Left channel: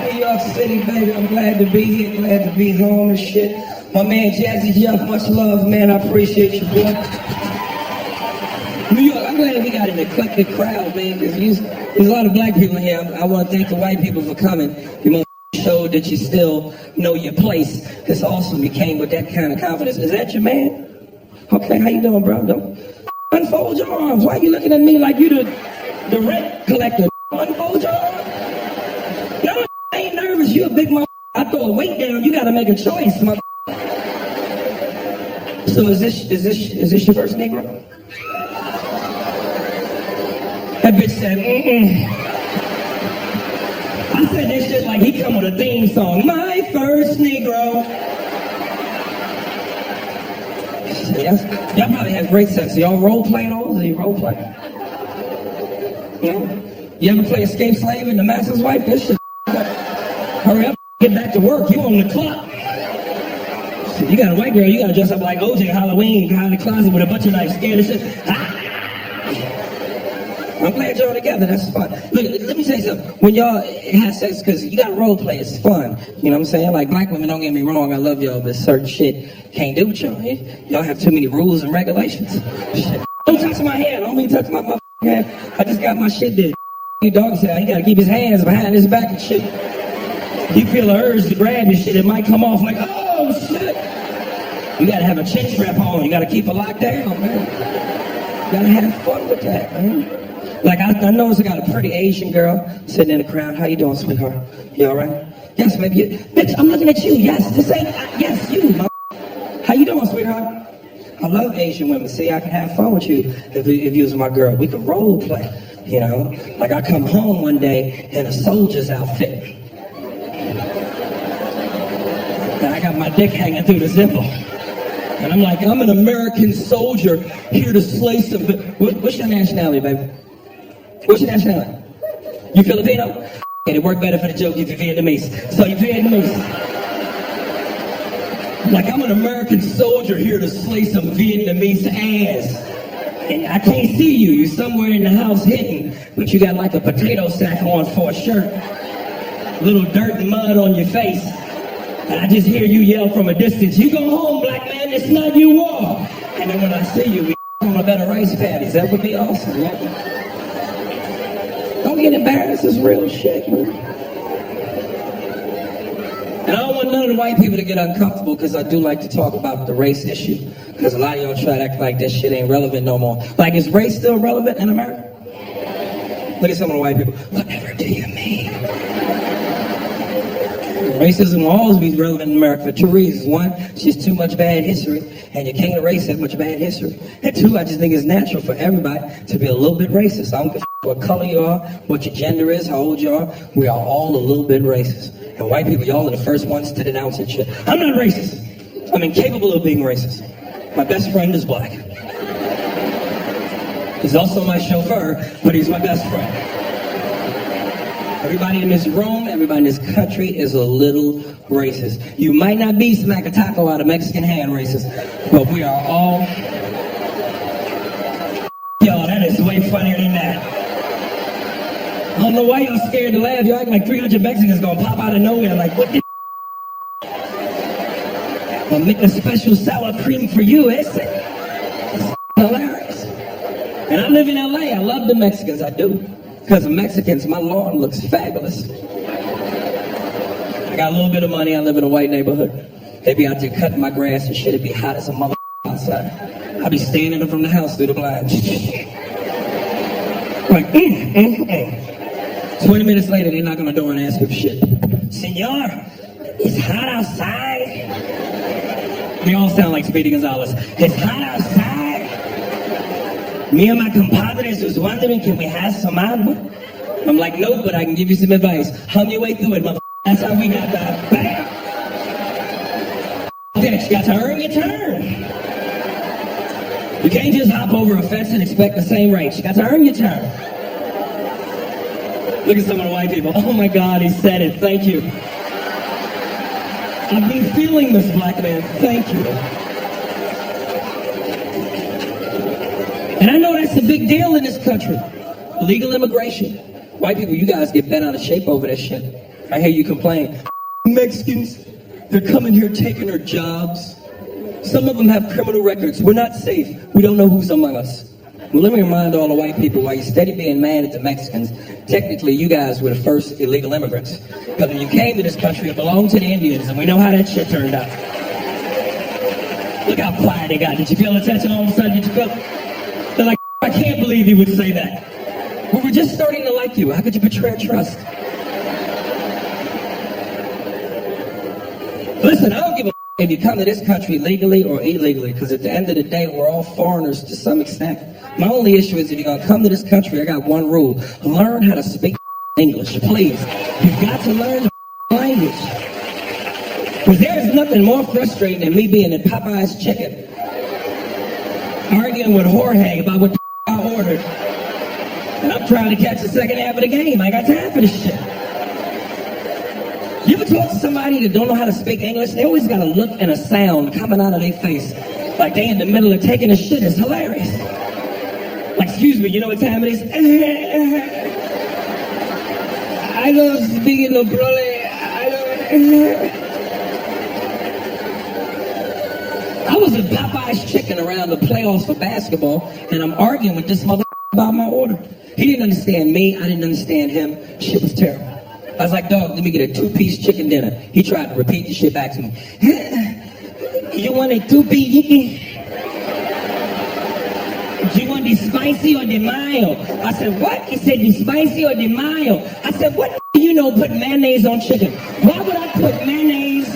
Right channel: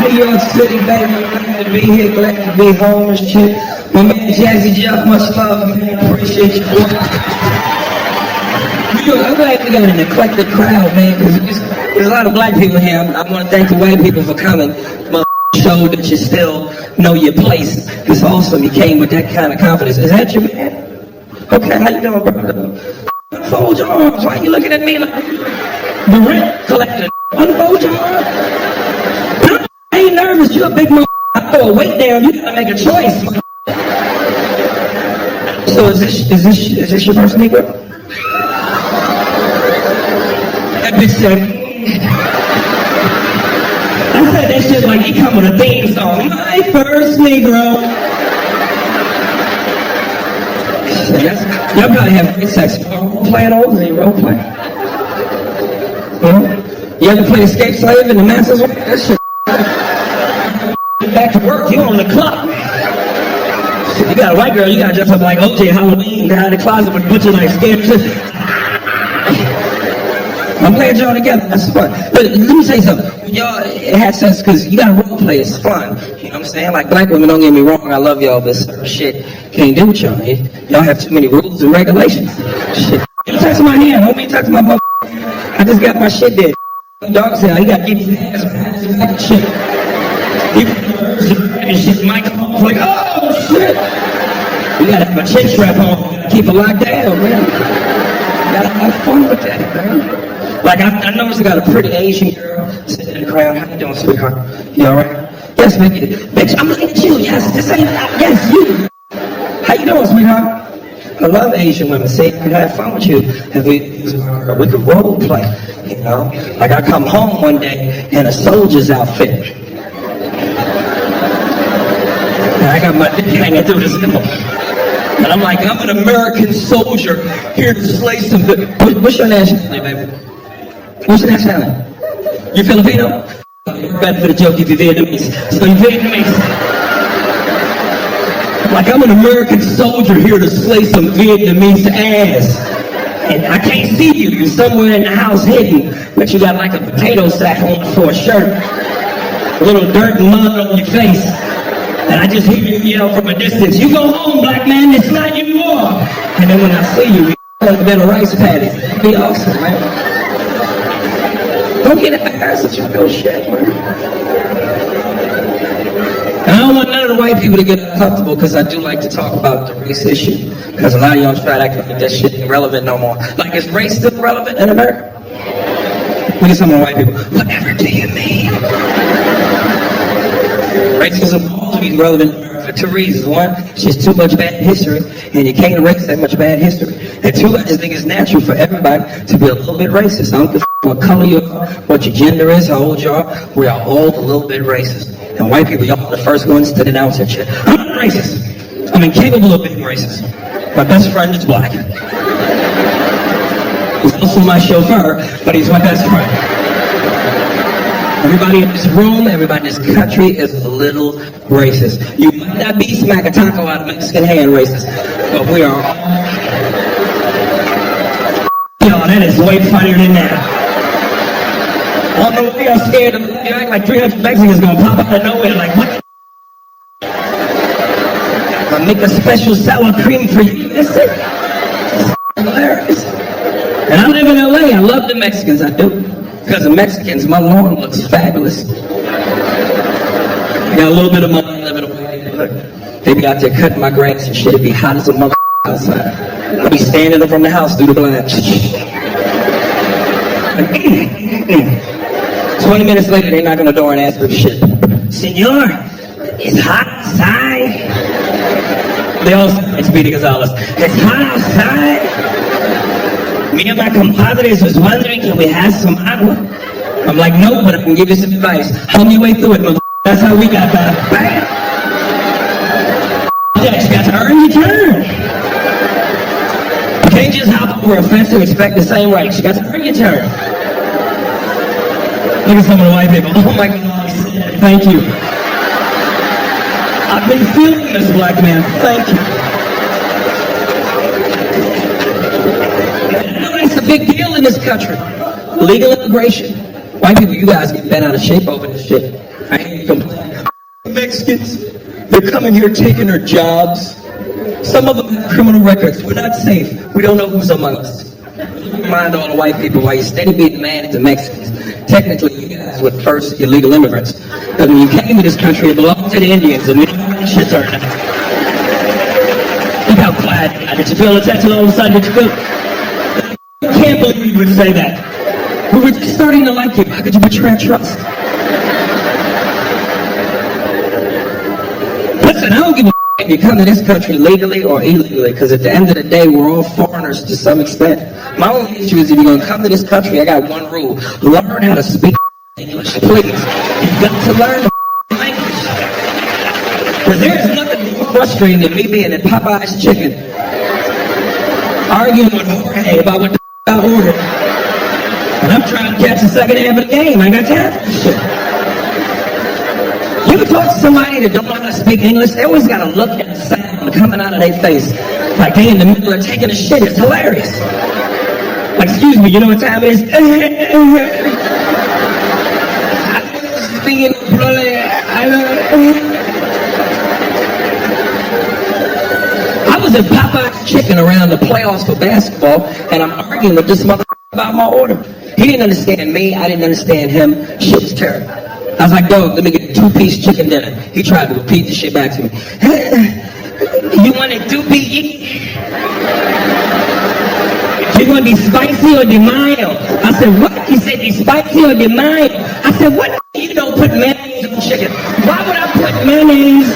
New York City, baby, I'm glad to be here, glad to be home and shit. My man Jazzy Jeff, much love, man, I appreciate you. New York, I'm glad we got an eclectic crowd, man, because there's a lot of black people here. I want to thank the white people for coming. You showed that you still know your place. It's awesome, you came with that kind of confidence. Is that your man? Okay, how you doing, bro? Unfold your arms. Why are you looking at me like you the rent collector? Unfold your arms. I ain't nervous, you a big mother. I throw a weight down, you gotta make a choice, mother. So is this your first Negro? That bitch said, I said that shit like he come with a theme song. My first Negro. Y'all probably have great sex. Y'all role playing over? They role play? You know? You ever play Escape Slave and the Master's Wife? That shit. Get back to work, you on the clock. You got a white girl, you gotta dress up like OJ Halloween, behind the closet with a butcher knife, scared shit. I'm glad y'all together, that's fun. But let me say something, when y'all have sex, because you gotta role play, it's fun. You know what I'm saying? Like black women, don't get me wrong, I love y'all, but certain shit can't do with y'all. Y'all have too many rules and regulations. Shit. Don't touch my hand, don't be touching my motherfucking hand. I just got my shit dead. Dog said, he gotta keep his hands behind his back and shit. You feel the urge to grab your shit, it might come off like, oh shit! You gotta have a chin strap on, you gotta keep it locked down, man. You gotta have fun with that, man. Like I noticed I got a pretty Asian girl sitting in the crowd. How you doing, sweetheart? You alright? Yes, bitch, I'm looking at you, yes, this ain't, yes, you. How you doing, sweetheart? I love Asian women. See, I could have fun with you if you was my girl. We could role play, you know? Like I come home one day in a soldier's outfit. And I got my dick hanging through the zipper. And I'm like, I'm an American soldier here to slay some good. What's your nationality, baby? What's your nationality? You Filipino? It worked better for the joke if you're Vietnamese. So you're Vietnamese. Like I'm an American soldier here to slay some Vietnamese ass. And I can't see you. You're somewhere in the house hidden, but you got like a potato sack on for a shirt. A little dirt and mud on your face. And I just hear you yell from a distance, you go home, black man, it's not you war. And then when I see you, we on a bed of rice patties. That would be awesome, man. Don't get embarrassed, it's real shit, man. And I don't want none of the white people to get uncomfortable because I do like to talk about the race issue. Because a lot of y'all try to act like that shit ain't relevant no more. Like, is race still relevant in America? Look at some of the white people. Whatever do you mean? Racism will always be relevant in America for two reasons. One, it's just too much bad history, and you can't erase that much bad history. And two, I just think it's natural for everybody to be a little bit racist. I don't give a what color you are, what your gender is, how old you are. We are all a little bit racist. And white people, y'all are the first ones to denounce that shit. I'm not racist. I'm incapable of being racist. My best friend is black. He's also my chauffeur, but he's my best friend. Everybody in this room, everybody in this country is a little racist. You might not be smack a taco out of Mexican hand racist, but we are all... Yo, that is way funnier than that. On the way, y'all scared to laugh. You act like 300 Mexicans gonna pop out of nowhere like, what the... I make a special sour cream for you, is it? It's hilarious. And I live in LA, I love the Mexicans, I do. Because of Mexicans, my lawn looks fabulous. I got a little bit of money, I live in a white neighborhood. neighborhood. They be out there cutting my grass and shit. It be hot as a mother outside. I be standing up from the house through the blinds. Like, 20 minutes later, they knock on the door and ask for shit. Senor, it's hot outside. They all sound like Speedy Gonzalez. It's hot outside. Me and my compadres was wondering, can we have some agua? I'm like, nope, but I can give you some advice. Hum your way through it, mother. That's how we got by. Bam! Yeah, you got to earn your turn. You can't just hop over a fence and expect the same rights. You got to earn your turn. Look at some of the white people. Oh my God, he said it. Thank you. I've been feeling this, black man. Thank you. And I know that's a big deal in this country. Legal immigration. White people, you guys get bent out of shape over this shit. I hear you complain. Mexicans, they're coming here taking our jobs. Some of them have criminal records. We're not safe. We don't know who's among us. Well, let me remind all the white people, while you're steady being mad at the Mexicans, technically you guys were the first illegal immigrants. But when you came to this country, it belonged to the Indians, and we know how that shit turned out. Look how quiet they got. Did you feel the tension all of a sudden? Did you feel? They're like, I can't believe you would say that. We were just starting to like you. How could you betray our trust? Listen, I don't give a if you come to this country legally or illegally, because at the end of the day, we're all foreigners to some extent. My only issue is if you're going to come to this country, I got one rule. Learn how to speak English, please. You've got to learn the language. Because there is nothing more frustrating than me being at Popeye's Chicken, arguing with Jorge about what the I ordered. And I'm trying to catch the second half of the game. I ain't got time for this shit. You ever talk to somebody that don't know how to speak English? They always got a look and a sound coming out of their face. Like they in the middle of taking a shit. It's hilarious. Like, excuse me, you know what time it is? I was speaking of bloody... I was at Popeye's Chicken around the playoffs for basketball, and I'm arguing with this motherfucker about my order. He didn't understand me. I didn't understand him. Shit was terrible. I was like, dog, let me get a 2-piece chicken dinner. He tried to repeat the shit back to me. You want a 2-piece chicken? You want the spicy or the mild? I said, what? He said, the spicy or the mild? I said, what do you know put mayonnaise on chicken? Why would I put mayonnaise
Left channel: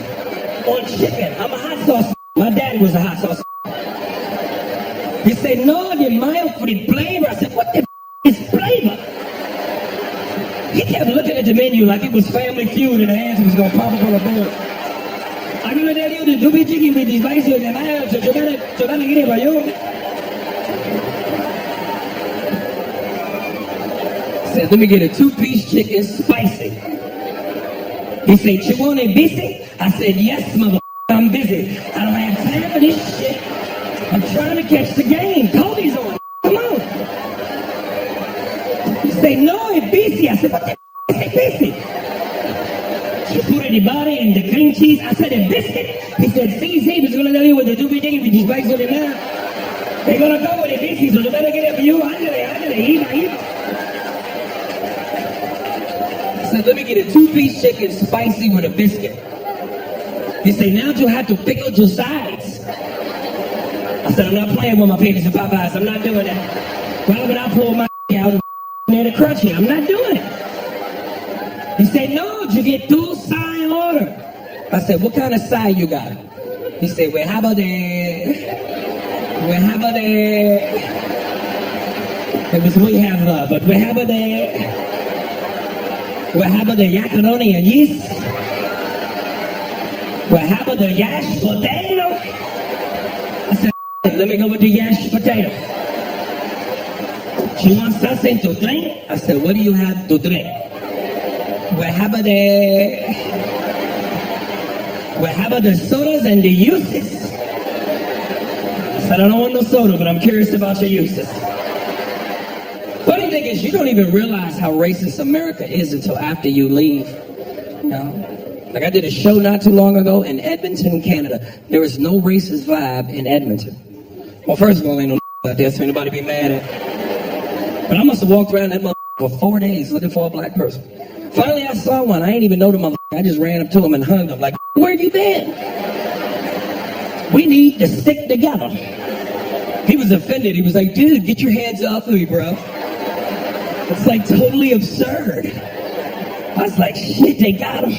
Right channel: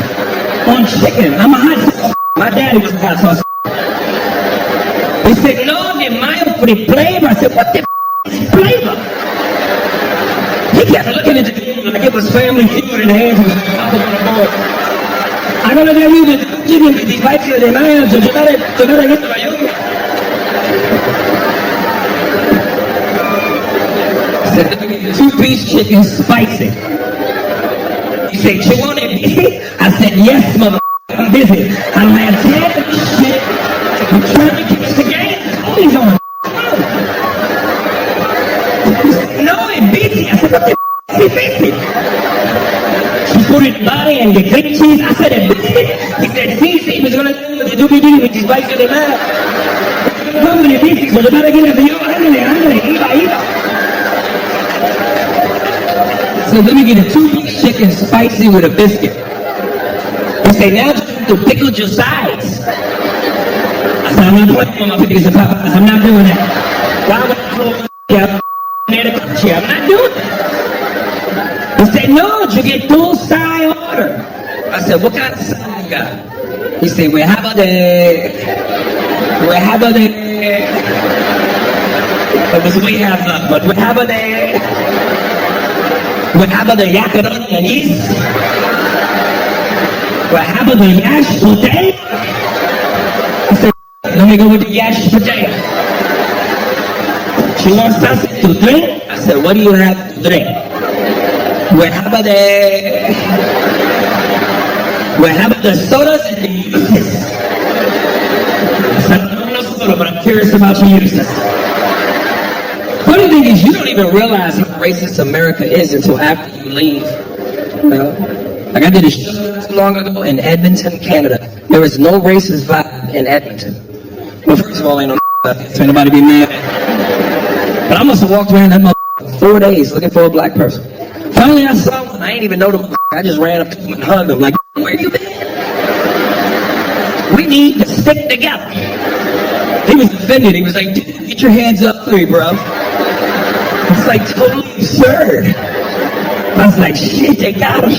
on chicken? I'm a hot sauce. My daddy was a hot sauce. He said, no, the mild for the flavor. I said, what the is flavor? He kept looking at the menu like it was Family Feud and the hands was going to pop up on the board. I'm going to tell you the doobie chicken with the spicy de mayo, so you gotta get it for you. I said, let me get a 2-piece chicken spicy. He said, you want it busy? I said, yes, mother, I'm busy. I don't have time for this shit. I'm trying to catch the game. Cody's on. Come on. He said, no, it's busy. I said, what the is busy? She put in the body and the cream cheese. I said, a biscuit? He said, see, he's going to tell you what the doobie-dee with the spice of the mouth. They're going to come with the biscuit, so they better get it for you. I'm going to eat. So let me get a 2-piece chicken spicy with a biscuit. He said, now you have to pickle your sides. I said, I'm not playing with my pickles and Popeyes. I'm not doing that. Why would I throw my out near the crunchy? I'm not doing it. He said, no, you get 2 side order. I said, what kind of side you got? He said, we have a day. It was we have none, but we have a day. We have the yakaroni and yeast. We have the yash potato. I said, let me go with the yash potato. She wants something to drink. I said, what do you have to drink? We have the sodas and the uses. I said, I don't want no soda, but I'm curious about your uses. Funny thing is, you don't even realize how racist America is until after you leave. You know? Like I did a show not too long ago in Edmonton, Canada. There is no racist vibe in Edmonton. Well, first of all, ain't no out there, so anybody be mad at. But I must have walked around that motherfucker for 4 days looking for a black person. Finally, I saw one. I ain't even know the motherfucker. I just ran up to him and hugged him like, where you been? We need to stick together. He was offended. He was like, dude, get your hands off of me, bro. It's like totally absurd. I was like, shit, they got him.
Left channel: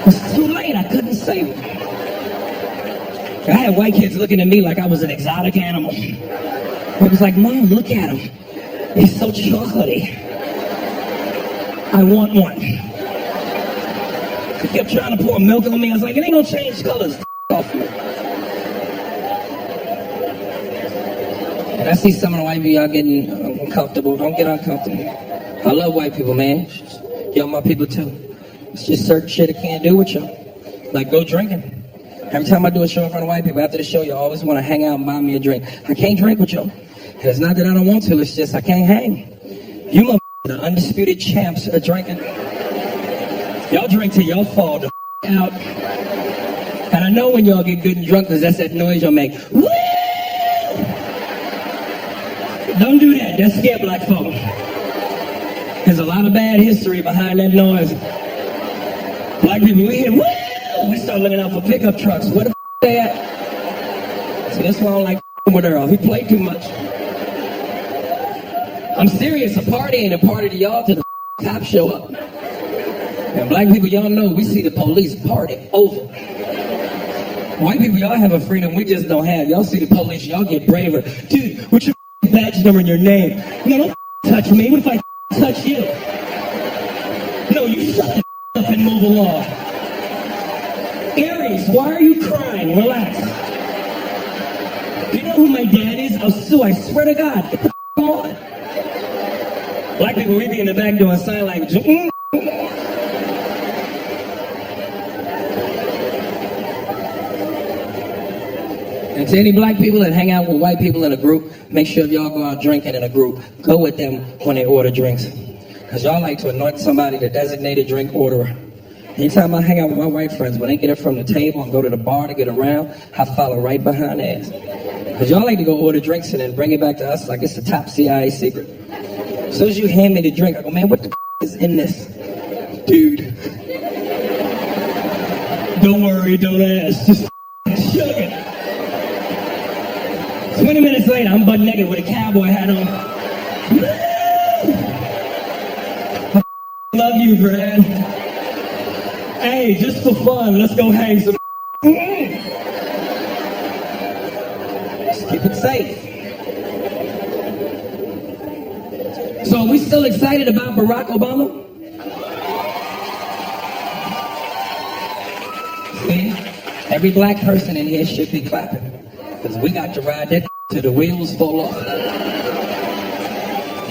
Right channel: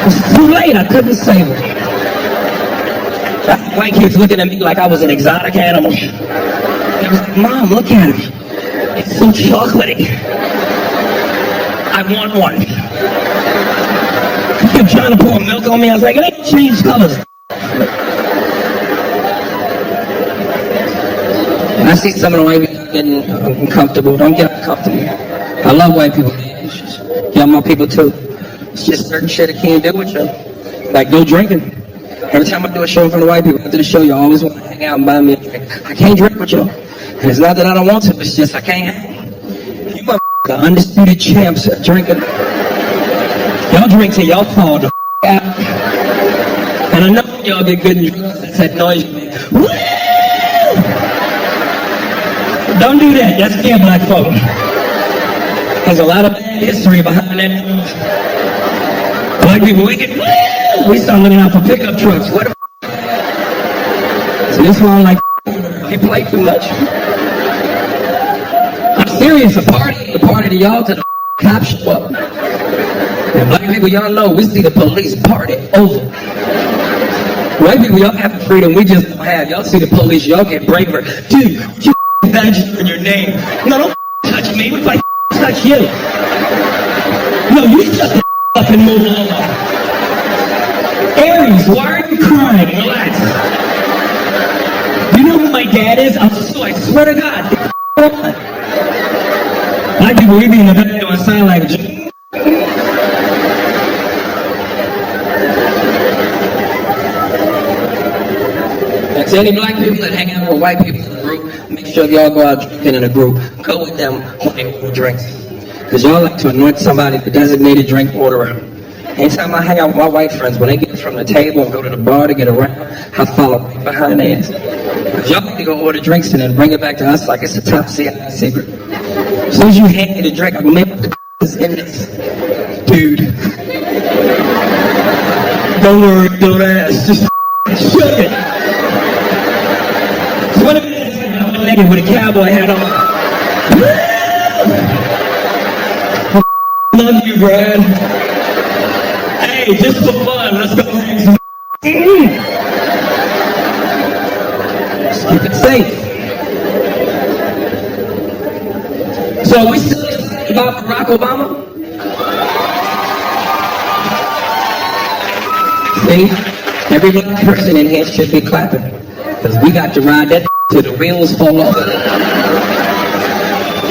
It was too late. I couldn't save him. I had white kids looking at me like I was an exotic animal. It was like, Mom, look at him. He's so chocolatey. I want one. He kept trying to pour milk on me. I was like, it ain't gonna change colors. And I see some of the white people, y'all getting uncomfortable. Don't get uncomfortable. I love white people, man. Y'all my people too. It's just certain shit I can't do with y'all. Like go drinking. Every time I do a show in front of white people, after the show, you always want to hang out and buy me a drink. I can't drink with y'all. And it's not that I don't want to, it's just I can't hang. You the undisputed champs are drinking. Y'all drink till y'all fall the out. And I know when y'all get good and drunk, because that's that noise y'all make. Woo! Don't do that, that scare black folk. There's a lot of bad history behind that noise. Black people, we get woo! We start looking out for pickup trucks. What the they at? So this one like with her. He played too much. I'm serious, a party ain't a party to y'all till the cops show up. And black people, y'all know, we see the police party over. White people, y'all have a freedom we just don't have. Y'all see the police, y'all get braver. Dude, what's your badge number in your name? No, don't touch me. What if I touch you? No, you shut the up and move along. Aries, why are you crying? Relax. Do you know who my dad is? I swear to God, get the on. Black people, we be in the back doing sign language. And to any black people that hang out with white people in a group, make sure y'all go out drinking in a group. Go with them when they order drinks. Because y'all like to anoint somebody the designated drink orderer. Anytime I hang out with my white friends, when they get it from the table and go to the bar to get around, I follow right behind their ass. Because y'all like to go order drinks and then bring it back to us like it's a top CIA secret. As soon as you hand me the drink, I go, man, what the is in this? Dude. Don't worry, don't ask. Just shut it. 20 minutes later, I'm butt naked with a cowboy hat on. Love you, Brad. Hey, just for fun, let's go hang some. Just keep it safe. So are we still excited about Barack Obama? See, every black person in here should be clapping. Because we got to ride that till the wheels fall off.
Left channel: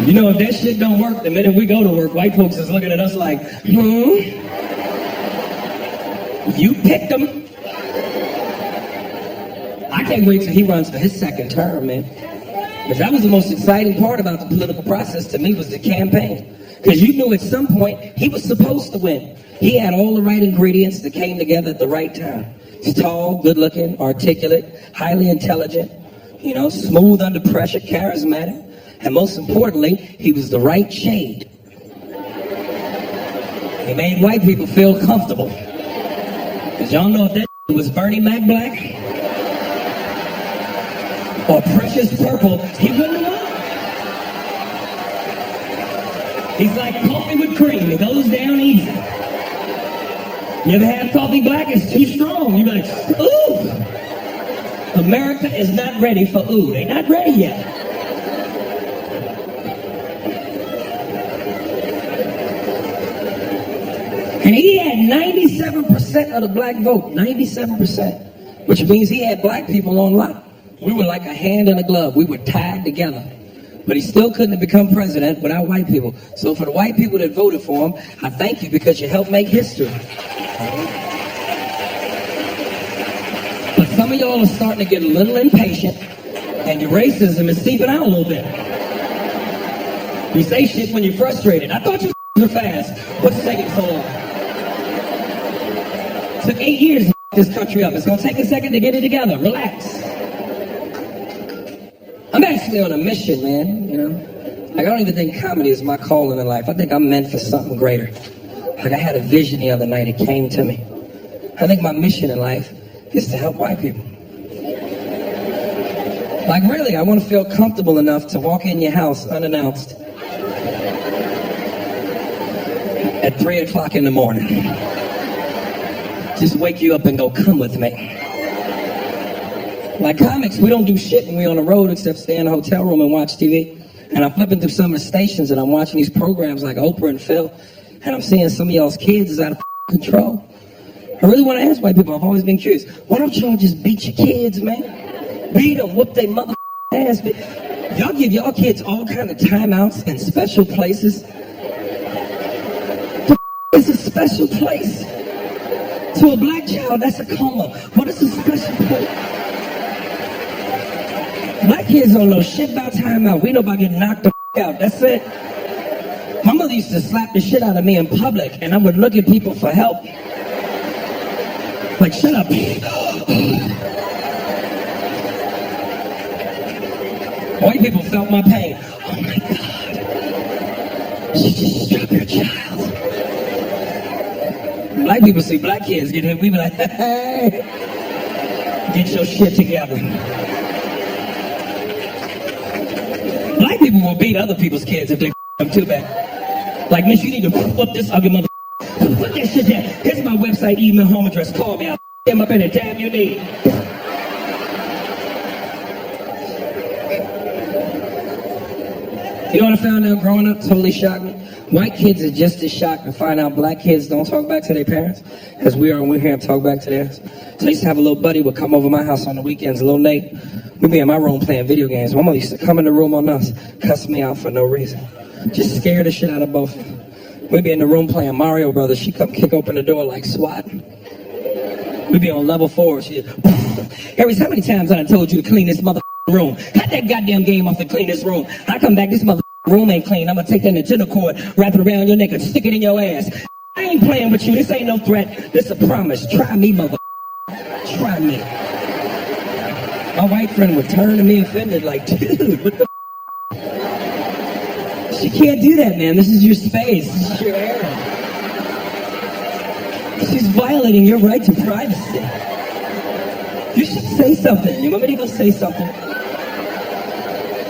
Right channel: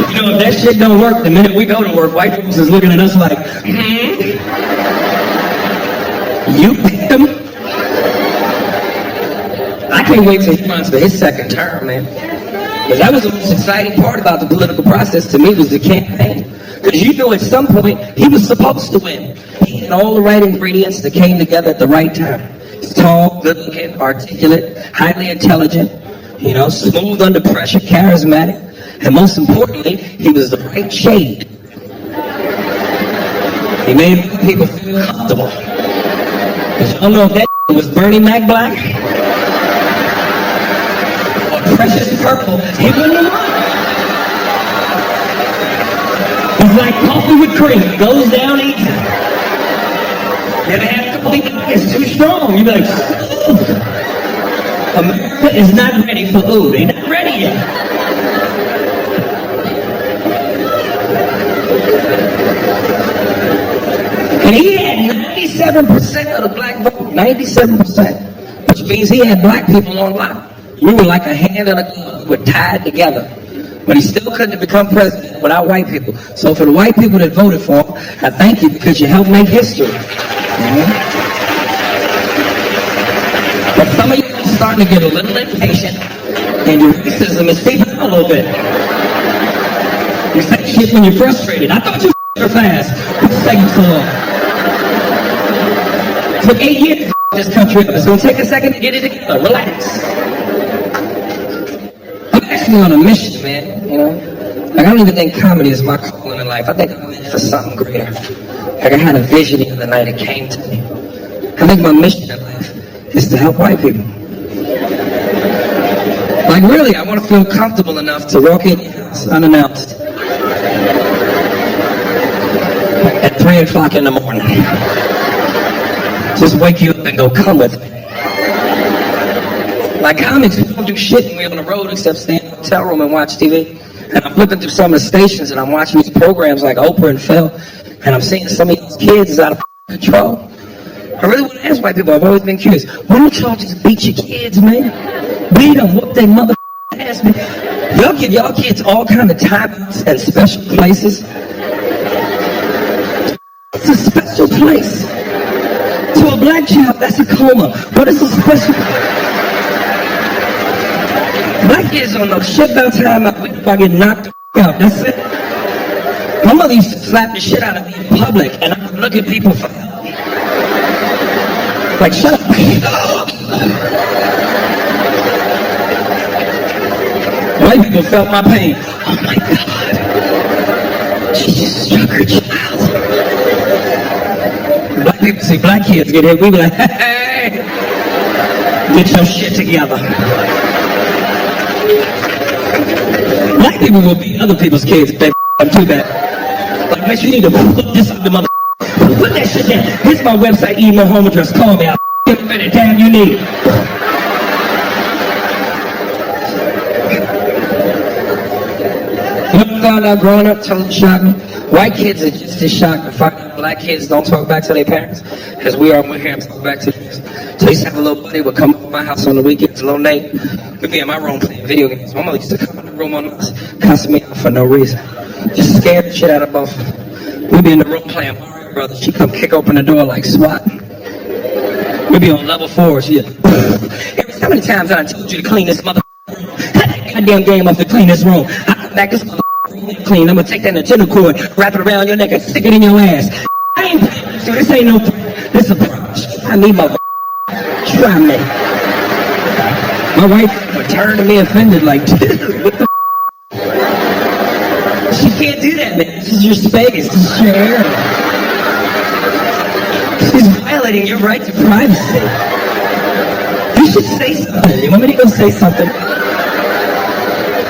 You know, if that shit don't work, the minute we go to work, white folks is looking at us like, you picked him? I can't wait till he runs for his second term, man. Because that was the most exciting part about the political process to me was the campaign. Because you knew at some point he was supposed to win. He had all the right ingredients that came together at the right time. He's tall, good-looking, articulate, highly intelligent, you know, smooth under pressure, charismatic, and most importantly, he was the right shade. He made white people feel comfortable. Because y'all know if that was Bernie Mac Black or Precious Purple, he wouldn't have won. He's like coffee with cream. It goes down easy. You ever had coffee black? It's too strong. You be like, ooh. America is not ready for ooh. They're not ready yet. And he had 97% of the black vote. 97%. Which means he had black people on lock. We were like a hand and a glove. We were tied together. But he still couldn't have become president without white people. So for the white people that voted for him, I thank you because you helped make history. But some of y'all are starting to get a little impatient, and your racism is seeping out a little bit. You say shit when you're frustrated. I thought you were fast. What's taking so long? It took 8 years to this country up. It's going to take a second to get it together. Relax. I'm actually on a mission, man, you know? Like, I don't even think comedy is my calling in life. I think I'm meant for something greater. Like I had a vision the other night, it came to me. I think my mission in life is to help white people. Like really, I want to feel comfortable enough to walk in your house unannounced at 3 o'clock in the morning. Just wake you up and go, come with me. Like comics, we don't do shit when we're on the road except stay in a hotel room and watch TV. And I'm flipping through some of the stations and I'm watching these programs like Oprah and Phil, and I'm seeing some of y'all's kids is out of control. I really want to ask white people, I've always been curious, why don't y'all just beat your kids, man? Beat them, whoop their mother ass, man. Y'all give y'all kids all kind of timeouts and special places. It's a special place. To a black child, that's a coma. But it's a special place. Black kids don't know shit about timeout. We know about getting knocked the out. That's it. My mother used to slap the shit out of me in public, and I would look at people for help. Like, shut up. White people felt my pain. Oh my God. She just struck her child. Black people see black kids get hit, we be like, hey, get your shit together. Black people will beat other people's kids if they them too bad. Like, bitch, you need to flip this ugly mother. Put that shit down. Here's my website, email, home address. Call me. I'll him up any time you need. You know what I found out growing up? Totally shocked me. White kids are just as shocked to find out black kids don't talk back to their parents as we are when we hear them talk back to theirs. So I used to have a little buddy would come over my house on the weekends, little Nate. We'd be in my room playing video games. My mother used to come in the room on us, cuss me out for no reason. Just scare the shit out of both of them. We'd be in the room playing Mario Brothers. She'd come kick open the door like SWAT. We'd be on level 4. Aries, how many times I told you to clean this mother room? Cut that goddamn game off to clean this room. I come back, this mother room ain't clean. I'm gonna take that Nintendo cord, wrap it around your neck, and stick it in your ass. I ain't playing with you. This ain't no threat. This a promise. Try me, mother. Try me. My white friend would turn to me offended like, dude, what the She can't do that, man. This is your space. This is your area. She's violating your right to privacy. You should say something. You want me to go say something?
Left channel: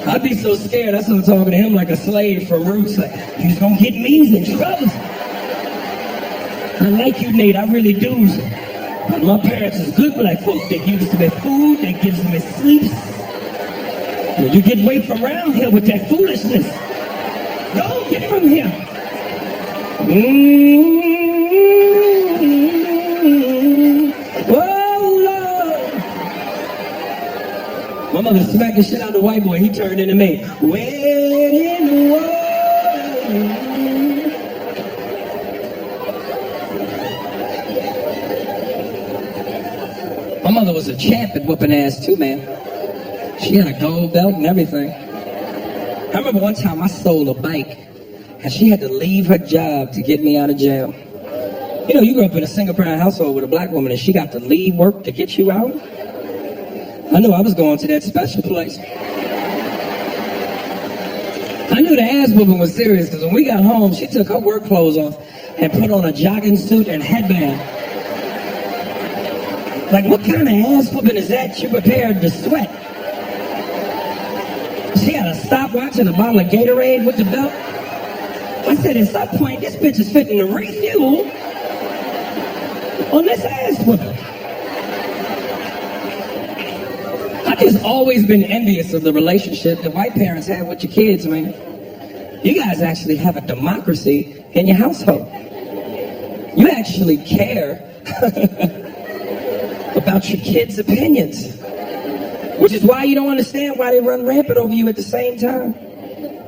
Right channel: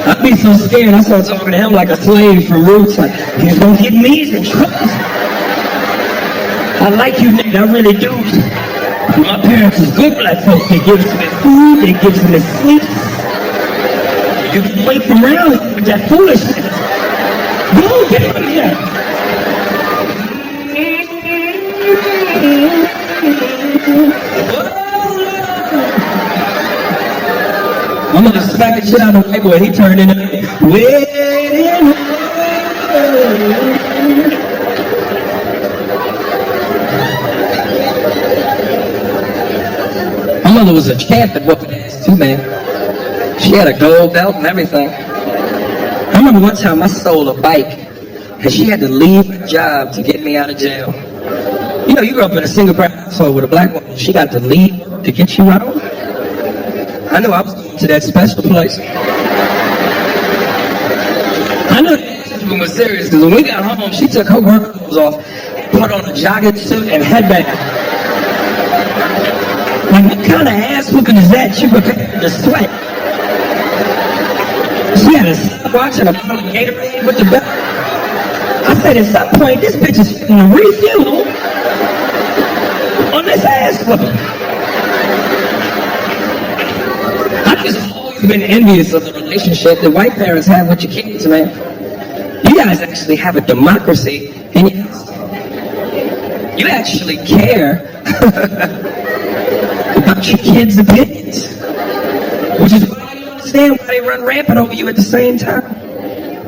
I'd be so scared. I started talking to him like a slave from Roots. Like, he's gonna get me in trouble. I like you, Nate. I really do. My parents is good black folks. They give us me food. They give us me sleep. You get away from around here with that foolishness. Go get from here. My mother smacked the shit out of the white boy. He turned into me. Waiting. My mother was a champ at whooping ass too, man. She had a gold belt and everything. I remember one time I stole a bike, and she had to leave her job to get me out of jail. You know, you grew up in a single-parent household with a black woman, and she got to leave work to get you out. I knew I was going to that special place. I knew the ass whooping was serious, because when we got home, she took her work clothes off and put on a jogging suit and headband. Like, what kind of ass whooping is that? She prepared to sweat. She had a stopwatch and a bottle of Gatorade with the belt. I said, at some point, this bitch is fitting to refuel on this ass whooping. I've just always been envious of the relationship that white parents have with your kids, man. You guys actually have a democracy in your household. You actually care about your kids' opinions, which is why you don't understand why they run rampant over you at the same time.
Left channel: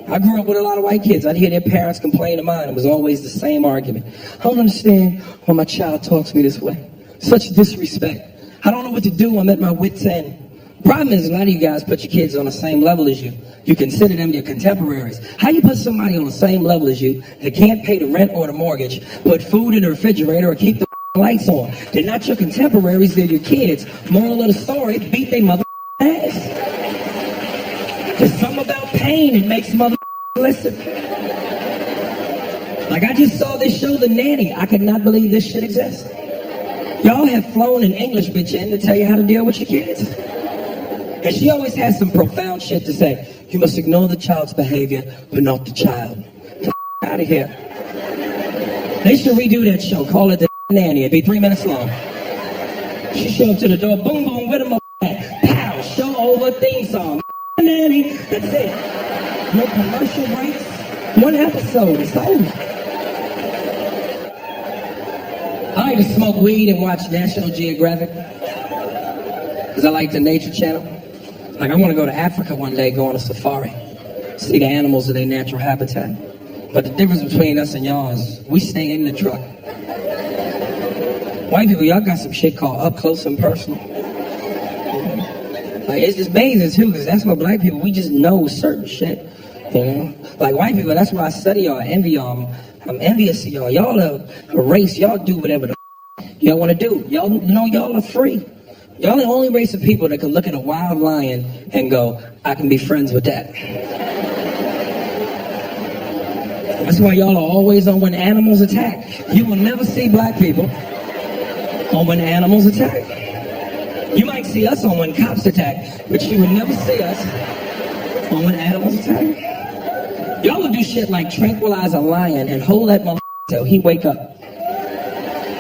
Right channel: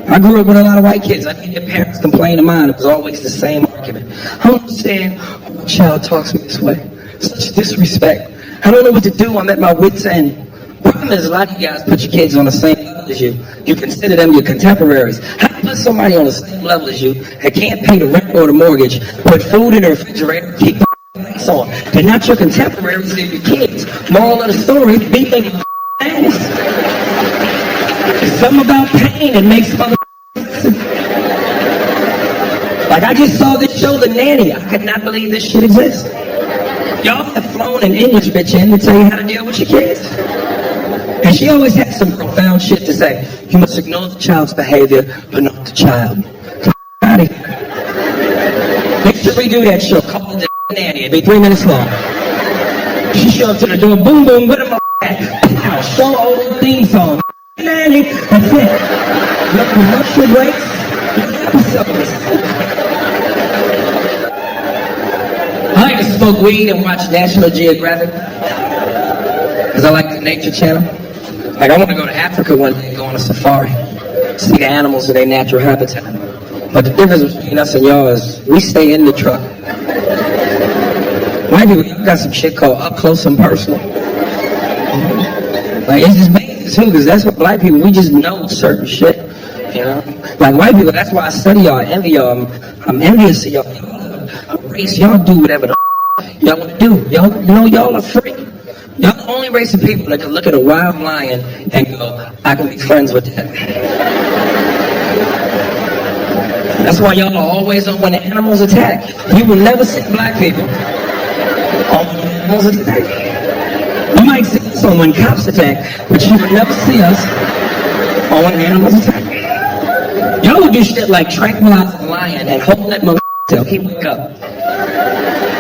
I grew up with a lot of white kids. I'd hear their parents complain to mine. It was always the same argument. I don't understand why my child talks to me this way. Such disrespect. I don't know what to do. I'm at my wit's end. Problem is, a lot of you guys put your kids on the same level as you. You consider them your contemporaries. How you put somebody on the same level as you that can't pay the rent or the mortgage, put food in the refrigerator, or keep the lights on? They're not your contemporaries, they're your kids. Moral of the story, beat their mother ass. There's something about pain that makes mother listen. Like, I just saw this show, The Nanny. I could not believe this shit exists. Y'all have flown an English bitch in to tell you how to deal with your kids. And she always has some profound shit to say. You must ignore the child's behavior, but not the child. Get out of here. They should redo that show. Call it The Nanny. It'd be 3 minutes long. She showed up to the door. Boom, boom. Where the at? Pow. Show over theme song. Nanny. That's it. No commercial breaks. One episode. It's over. I like to smoke weed and watch National Geographic. Because I like the Nature Channel. Like, I want to go to Africa one day, go on a safari, see the animals in their natural habitat. But the difference between us and y'all is we stay in the truck. White people, y'all got some shit called up close and personal. Like, it's just amazing too, because that's what black people, we just know certain shit, you know? Like, white people, that's why I study y'all, I envy y'all, I'm envious of y'all. Y'all are a race, y'all do whatever the y'all want to do. Y'all, you know, y'all are free. Y'all the only race of people that can look at a wild lion and go, I can be friends with that. That's why y'all are always on when the animals attack. You will never see black people on when the animals attack. You might see us on when cops attack, but you will never see us on when animals attack. Y'all will do shit like tranquilize a lion and hold that motherfucker till he wake up.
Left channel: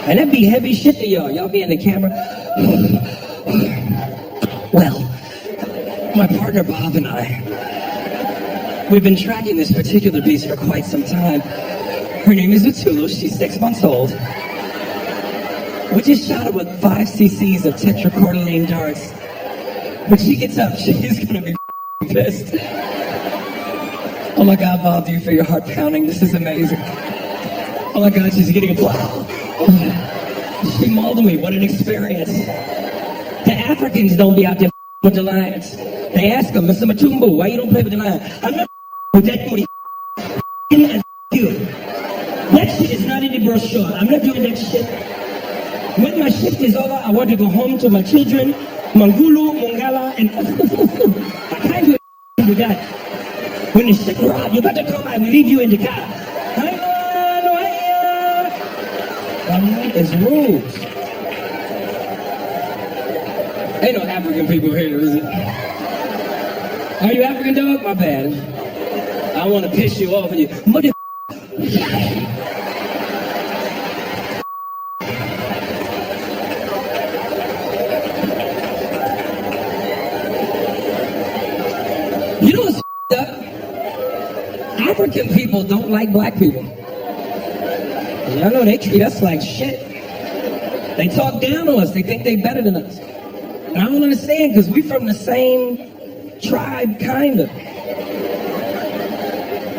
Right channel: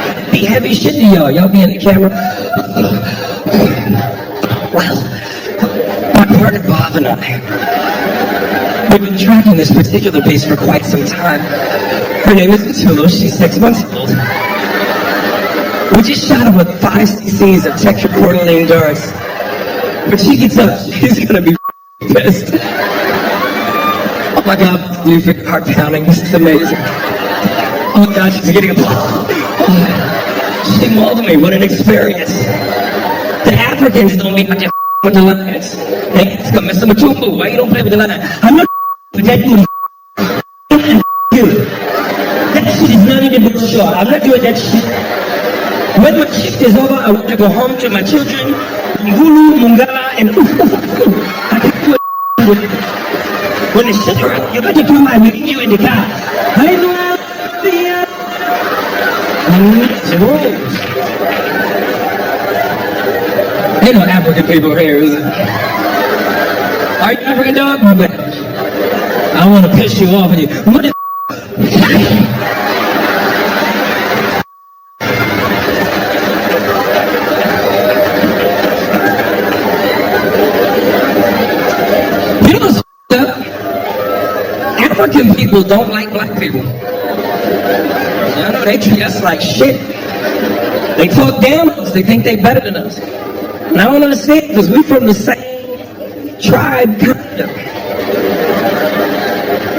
And it'd be heavy shit to y'all. Y'all be in the camera. Well, my partner Bob and I, we've been tracking this particular beast for quite some time. Her name is Matulu. She's 6 months old. We just shot her with 5 cc's of tetracordyline darts. When she gets up, she's gonna be pissed. Oh my God, Bob, do you feel your heart pounding? This is amazing. Oh my God, she's getting applause. She mauled me. What an experience. The Africans don't be out there with the lions. They ask them, Mr. Matumbu, why you don't play with the lion? I'm not with that you. That shit is not in the brochure. I'm not doing that shit. When my shift is over, I want to go home to my children, Mangulu, Mungala, and I can't do with that. When the shit around, you better come, I will leave you in the car. It's rules. Ain't no African people here, is it? Are you African, dog? My bad. I want to piss you off with you. What the You know what's up? African people don't like black people. I know they treat us like shit. They talk down on us. They think they're better than us. And I don't understand, because we're from the same tribe, kind of.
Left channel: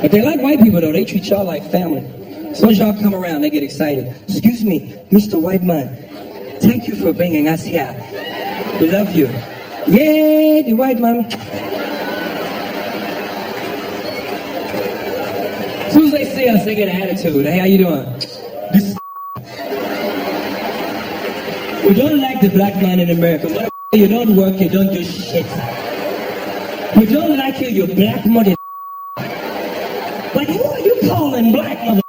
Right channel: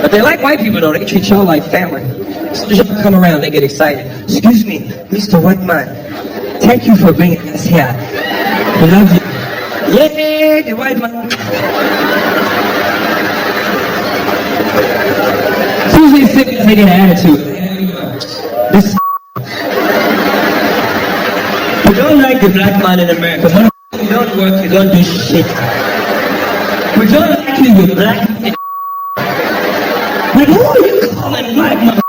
But they like white people, though. They treat y'all like family. As soon as y'all come around, they get excited. Excuse me, Mr. White Man. Thank you for bringing us here. We love you. Yay, the white man. As soon as they say it, they get an attitude. Hey, how you doing? This we don't like the black man in America. You don't work, you don't do shit. We don't like you, you black mother. Like, who are you calling black mother?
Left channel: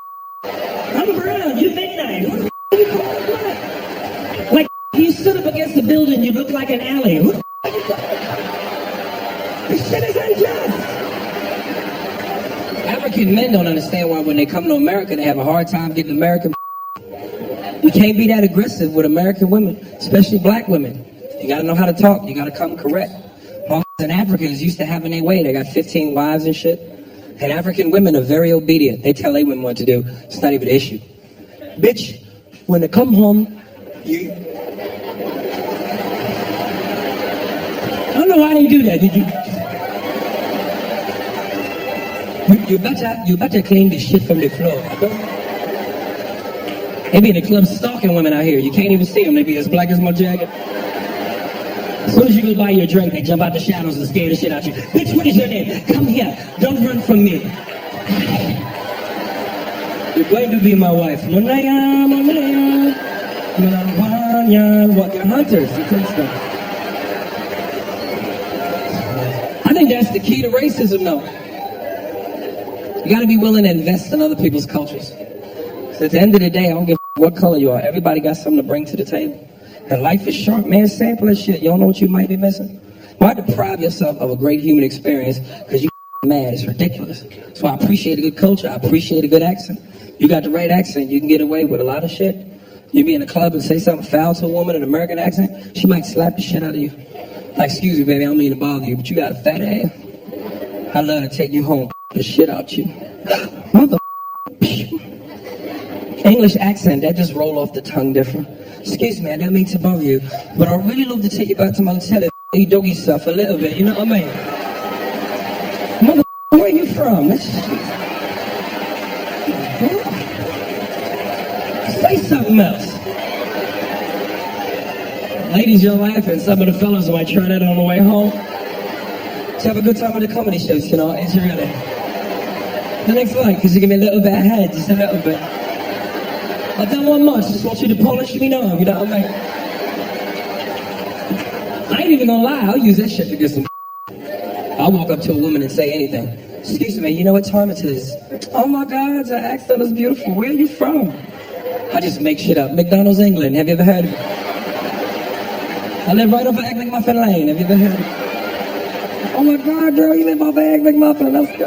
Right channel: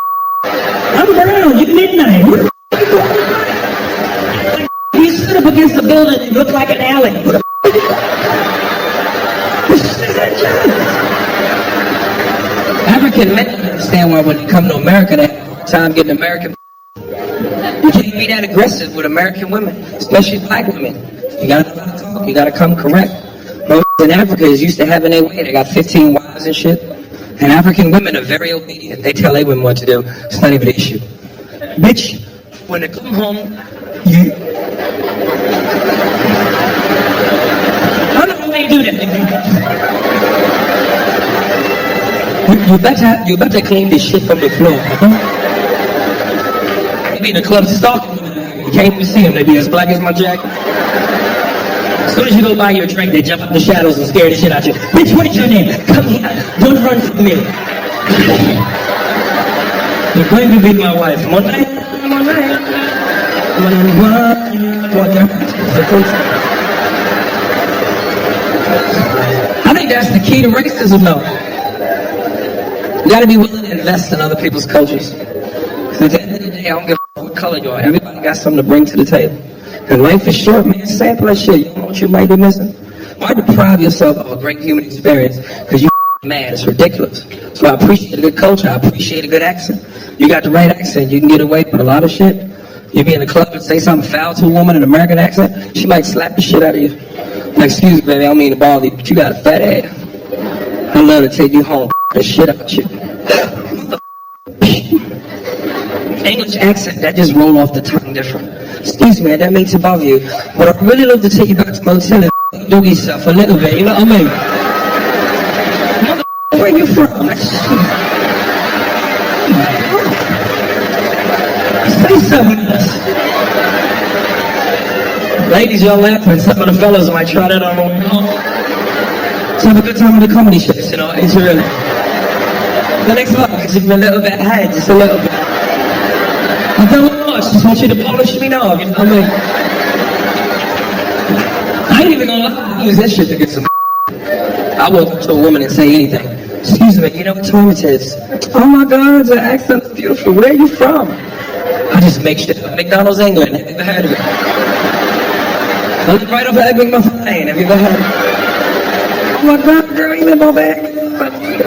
I'm brown, you midnight. Who the are you calling black? Like, you sit up against the building, you look like an alley. Who the are you calling black? This shit is unjust. African men don't understand why when they come to America, they have a hard time getting American. You can't be that aggressive with American women, especially black women. You gotta know how to talk. You gotta come correct. Most in Africa is used to having their way. They got 15 wives and shit. And African women are very obedient. They tell their women what to do. It's not even an issue. Bitch, when they come home, you... I don't know why they do that. You better clean this shit from the floor. Huh? They be in the club stalking women out here. You can't even see them. They be as black as my jacket. As soon as you go buy your drink, they jump out the shadows and scare the shit out you. Bitch, what is your name? Come here. Don't run from me. You're going to be my wife. Monaya. What they're hunting. I think that's the key to racism, though. You gotta be willing to invest in other people's cultures. At the end of the day, I don't give a what color you are. Everybody got something to bring to the table. And life is short, man. Sample that shit. You don't know what you might be missing. Why deprive yourself of a great human experience because you mad? It's ridiculous. So I appreciate a good culture. I appreciate a good accent. You got the right accent, you can get away with a lot of shit. You be in a club and say something foul to a woman in an American accent, she might slap the shit out of you. Like, excuse me, baby, I don't mean to bother you, but you got a fat ass. I'd love to take you home, the shit out you. Mother. English accent, that just roll off the tongue different. Excuse me, that makes it bother you. But I'd really love to take you back to my hotel and you dog yourself a little bit, you know what I mean? Mother, where you from? That's... Say something else. Ladies, y'all laughing. Some of the fellas might try that on the way home. Let's have a good time with the comedy shows, you know, it's really. The next one, because you give me a little bit ahead, just a little bit. I don't want much, just want you to polish me now, you know what I mean? I ain't even gonna lie, I'll use that shit to get some. I walk up to a woman and say anything. Excuse me, you know what time it is? Oh my God, the accent is beautiful. Where are you from? I just make shit up. McDonald's, England. Have you ever heard of it? I live right off of Egg McMuffin Lane. Have you ever heard of it? Oh my God, girl, you live off of Egg McMuffin. Let's go.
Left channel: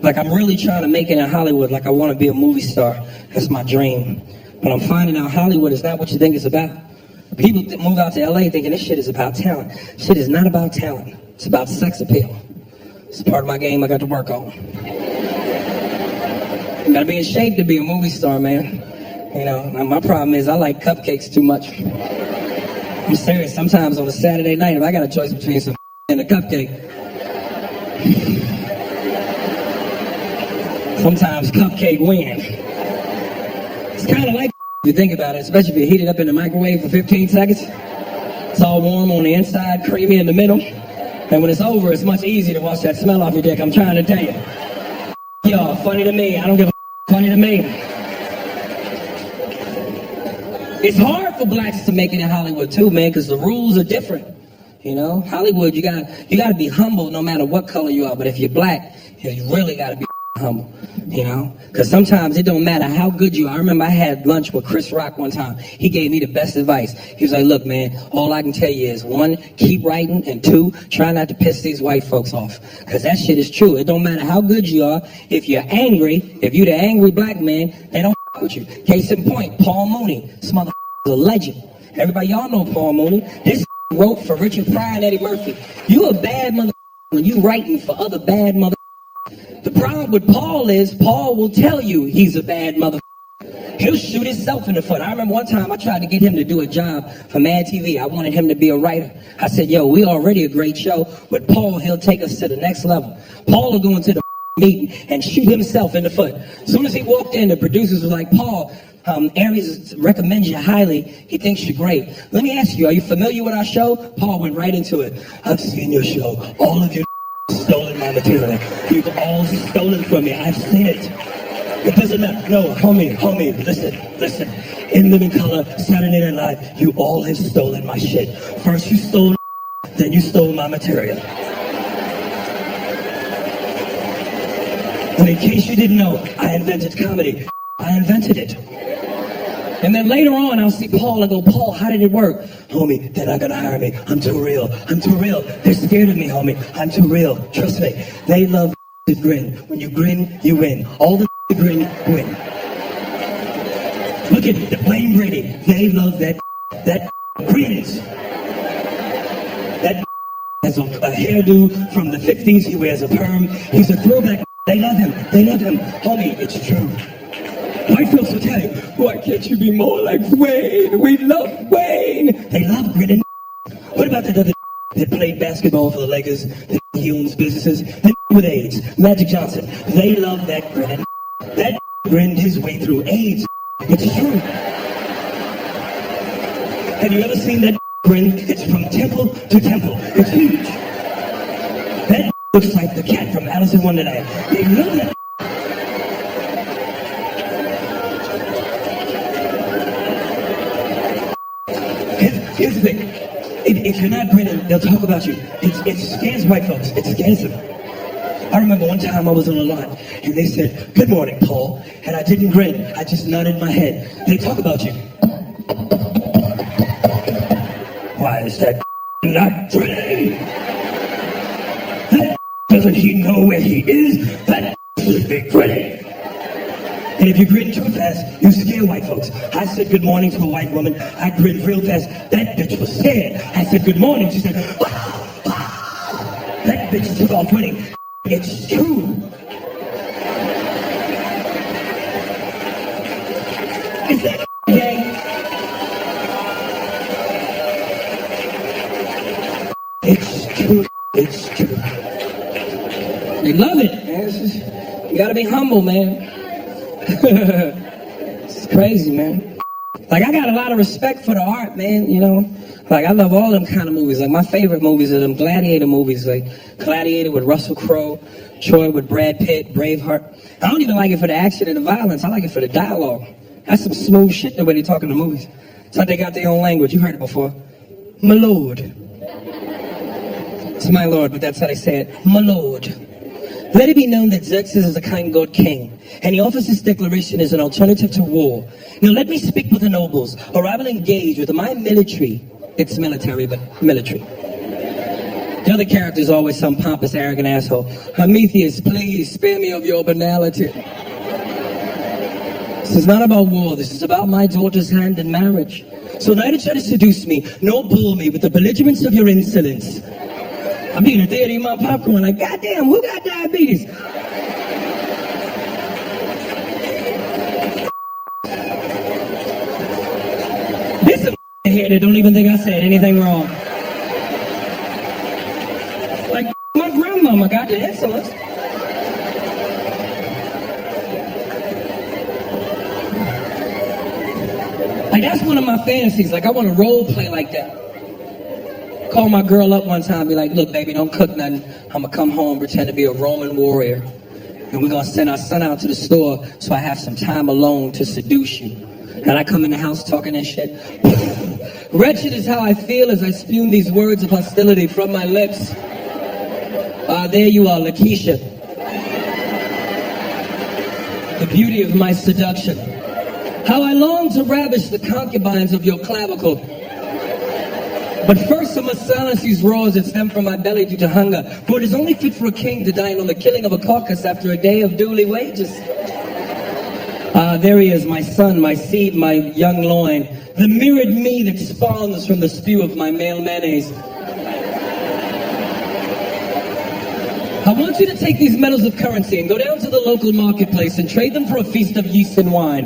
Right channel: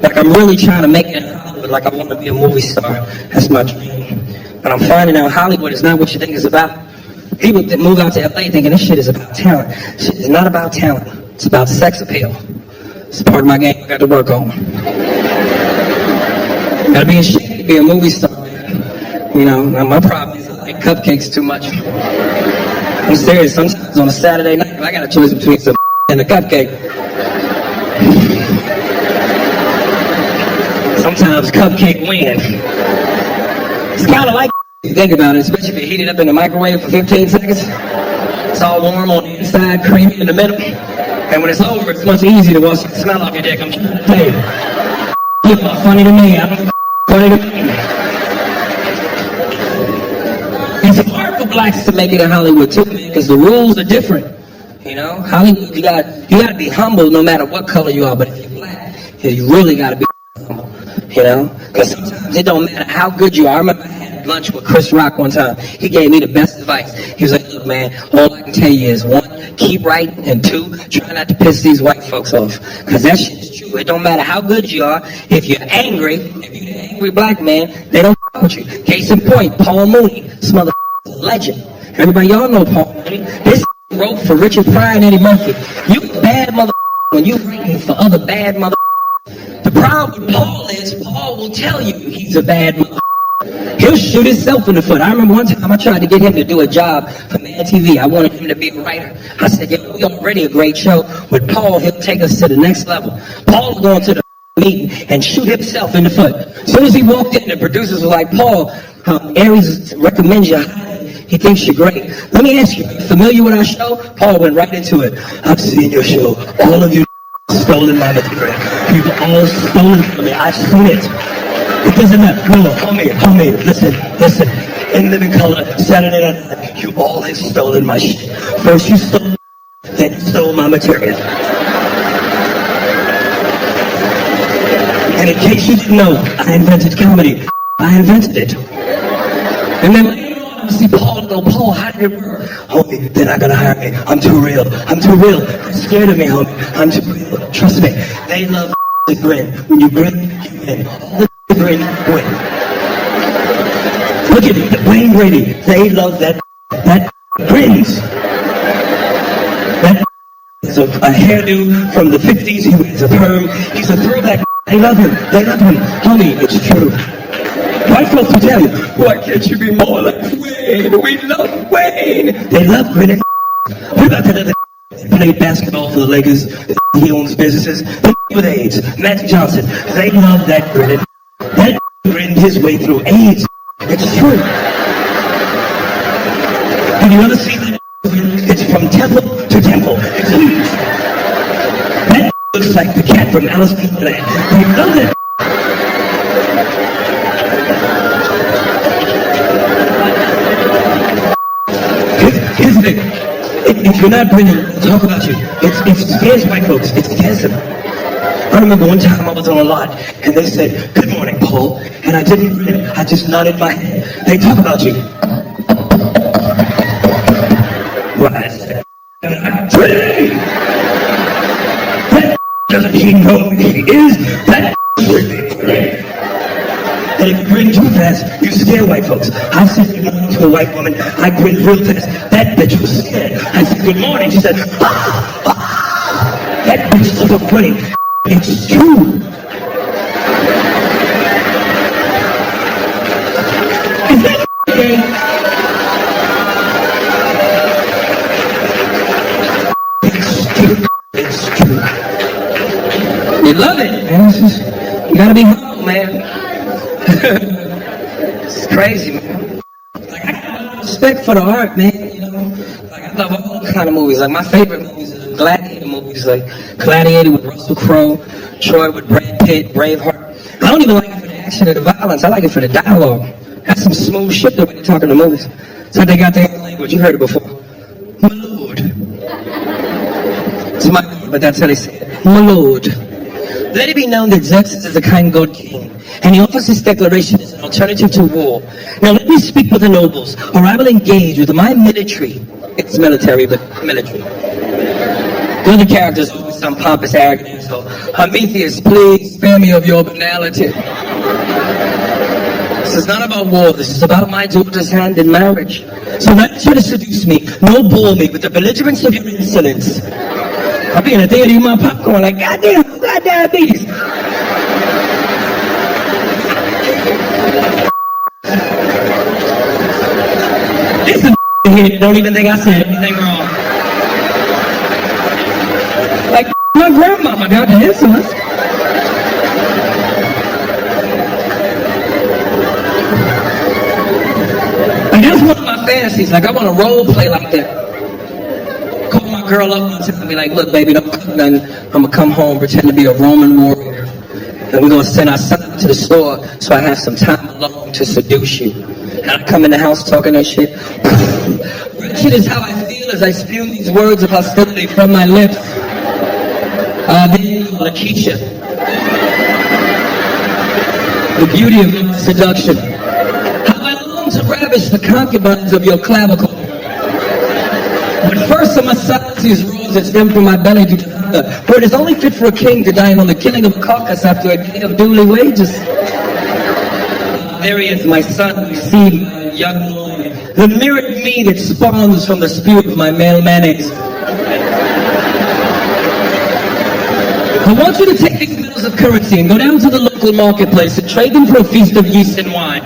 Like, I'm really trying to make it in Hollywood. Like, I want to be a movie star. That's my dream. But I'm finding out Hollywood is not what you think it's about. People that move out to LA thinking this shit is about talent. Shit is not about talent. It's about sex appeal. It's part of my game I got to work on. Gotta be in shape to be a movie star, man. You know, now my problem is I like cupcakes too much. I'm serious, sometimes on a Saturday night, if I got a choice between some and a cupcake, sometimes cupcake win. It's kind of like if you think about it, especially if you heat it up in the microwave for 15 seconds. It's all warm on the inside, creamy in the middle. And when it's over, it's much easier to wash that smell off your dick, I'm trying to tell you. You're funny to me, I don't give a funny to me. It's hard for blacks to make it in Hollywood too, man, because the rules are different. You know, Hollywood, you gotta be humble no matter what color you are. But if you're black, you really gotta be humble. You know, because sometimes it don't matter how good you are. I remember I had lunch with Chris Rock one time. He gave me the best advice. He was like, look, man, all I can tell you is 1, keep writing, and 2, try not to piss these white folks off. Because that shit is true. It don't matter how good you are. If you're angry, if you're the angry black man, they don't with you. Case in point, Paul Mooney. This motherfucker is a legend. Everybody, y'all know Paul Mooney. This wrote for Richard Pryor and Eddie Murphy. You a bad motherfucker when you writing for other bad motherfuckers. The problem with Paul is, Paul will tell you he's a bad motherfucker. He'll shoot himself in the foot. I remember one time I tried to get him to do a job for Mad TV. I wanted him to be a writer. I said, yo, we already a great show. With Paul, he'll take us to the next level. Paul will go into the meeting and shoot himself in the foot. As soon as he walked in, the producers were like, Paul, Aries recommends you highly. He thinks you're great. Let me ask you, are you familiar with our show? Paul went right into it. I've seen your show. All of you stolen my material. You've all stolen from me. I've seen it. It doesn't matter. No, homie, listen. In Living Color, Saturday Night Live, you all have stolen my shit. First you stole, then you stole my material. And in case you didn't know, I invented comedy. I invented it. And then later on, I'll see Paul and go, Paul, how did it work? Homie, they're not gonna hire me. I'm too real. They're scared of me, homie. I'm too real. Trust me. They love to grin. When you grin, you win. All the grin, win. Look at it, Wayne Brady. They love that grins. That has a hairdo from the 50s. He wears a perm. He's a throwback. They love him. Homie, it's true. White folks will tell you, why can't you be more like Wayne? We love Wayne. They love grinning. What about that other that played basketball for the Lakers? He owns businesses. With AIDS, Magic Johnson. They love that grinning. That grinned his way through AIDS. It's true. Have you ever seen that grin? It's from temple to temple. It's huge. That looks like the cat from Alice in Wonderland. They love it. Here's the thing. If you're not grinning, they'll talk about you. It scares white folks. It scares them. I remember one time I was on a lot, and they said, "Good morning, Paul," and I didn't grin. I just nodded my head. They talk about you. Why is that that I'm pretty? That doesn't he know where he is? That would be pretty. And if you grin too fast, you scare white folks. I said good morning to a white woman. I grinned real fast. That bitch was scared. I said good morning. She said, ah, ah. That bitch took off running. It's true. Is that gay? It's true. It's true. You love it, man. You gotta be humble, man. It's crazy, man. Like, I got a lot of respect for the art, man, you know? Like, I love all them kind of movies. Like, my favorite movies are them gladiator movies, like Gladiator with Russell Crowe, Troy with Brad Pitt, Braveheart. I don't even like it for the action or the violence. I like it for the dialogue. That's some smooth shit the way they talk in the movies. It's like they got their own language. You heard it before. My lord. It's my lord, but that's how they say it. My lord. Let it be known that Xerxes is a kind god king, and he offers this declaration as an alternative to war. Now let me speak with the nobles, or I will engage with my military. It's military, but military. The other character's always some pompous, arrogant asshole. Prometheus, please spare me of your banality. This is not about war. This is about my daughter's hand in marriage. So neither try to seduce me, nor bore me with the belligerence of your insolence. I'll be in the theater eating my popcorn like, goddamn, who got diabetes? This is here that don't even think I said anything wrong. Like, my grandmama got the insolence. Like, that's one of my fantasies. Like, I want to role play like that. Call my girl up one time and be like, look, baby, don't cook nothing. I'm going to come home, pretend to be a Roman warrior. And we're going to send our son out to the store so I have some time alone to seduce you. And I come in the house talking that shit. Wretched is how I feel as I spew these words of hostility from my lips. There you are, Lakeisha. The beauty of my seduction. How I long to ravish the concubines of your clavicle. But first I must silence these roars that stem from my belly due to hunger, for it is only fit for a king to dine on the killing of a carcass after a day of duly wages. There he is, my son, my seed, my young loin, the mirrored me that spawns from the spew of my male mayonnaise. I want you to take these metals of currency and go down to the local marketplace and trade them for a feast of yeast and wine.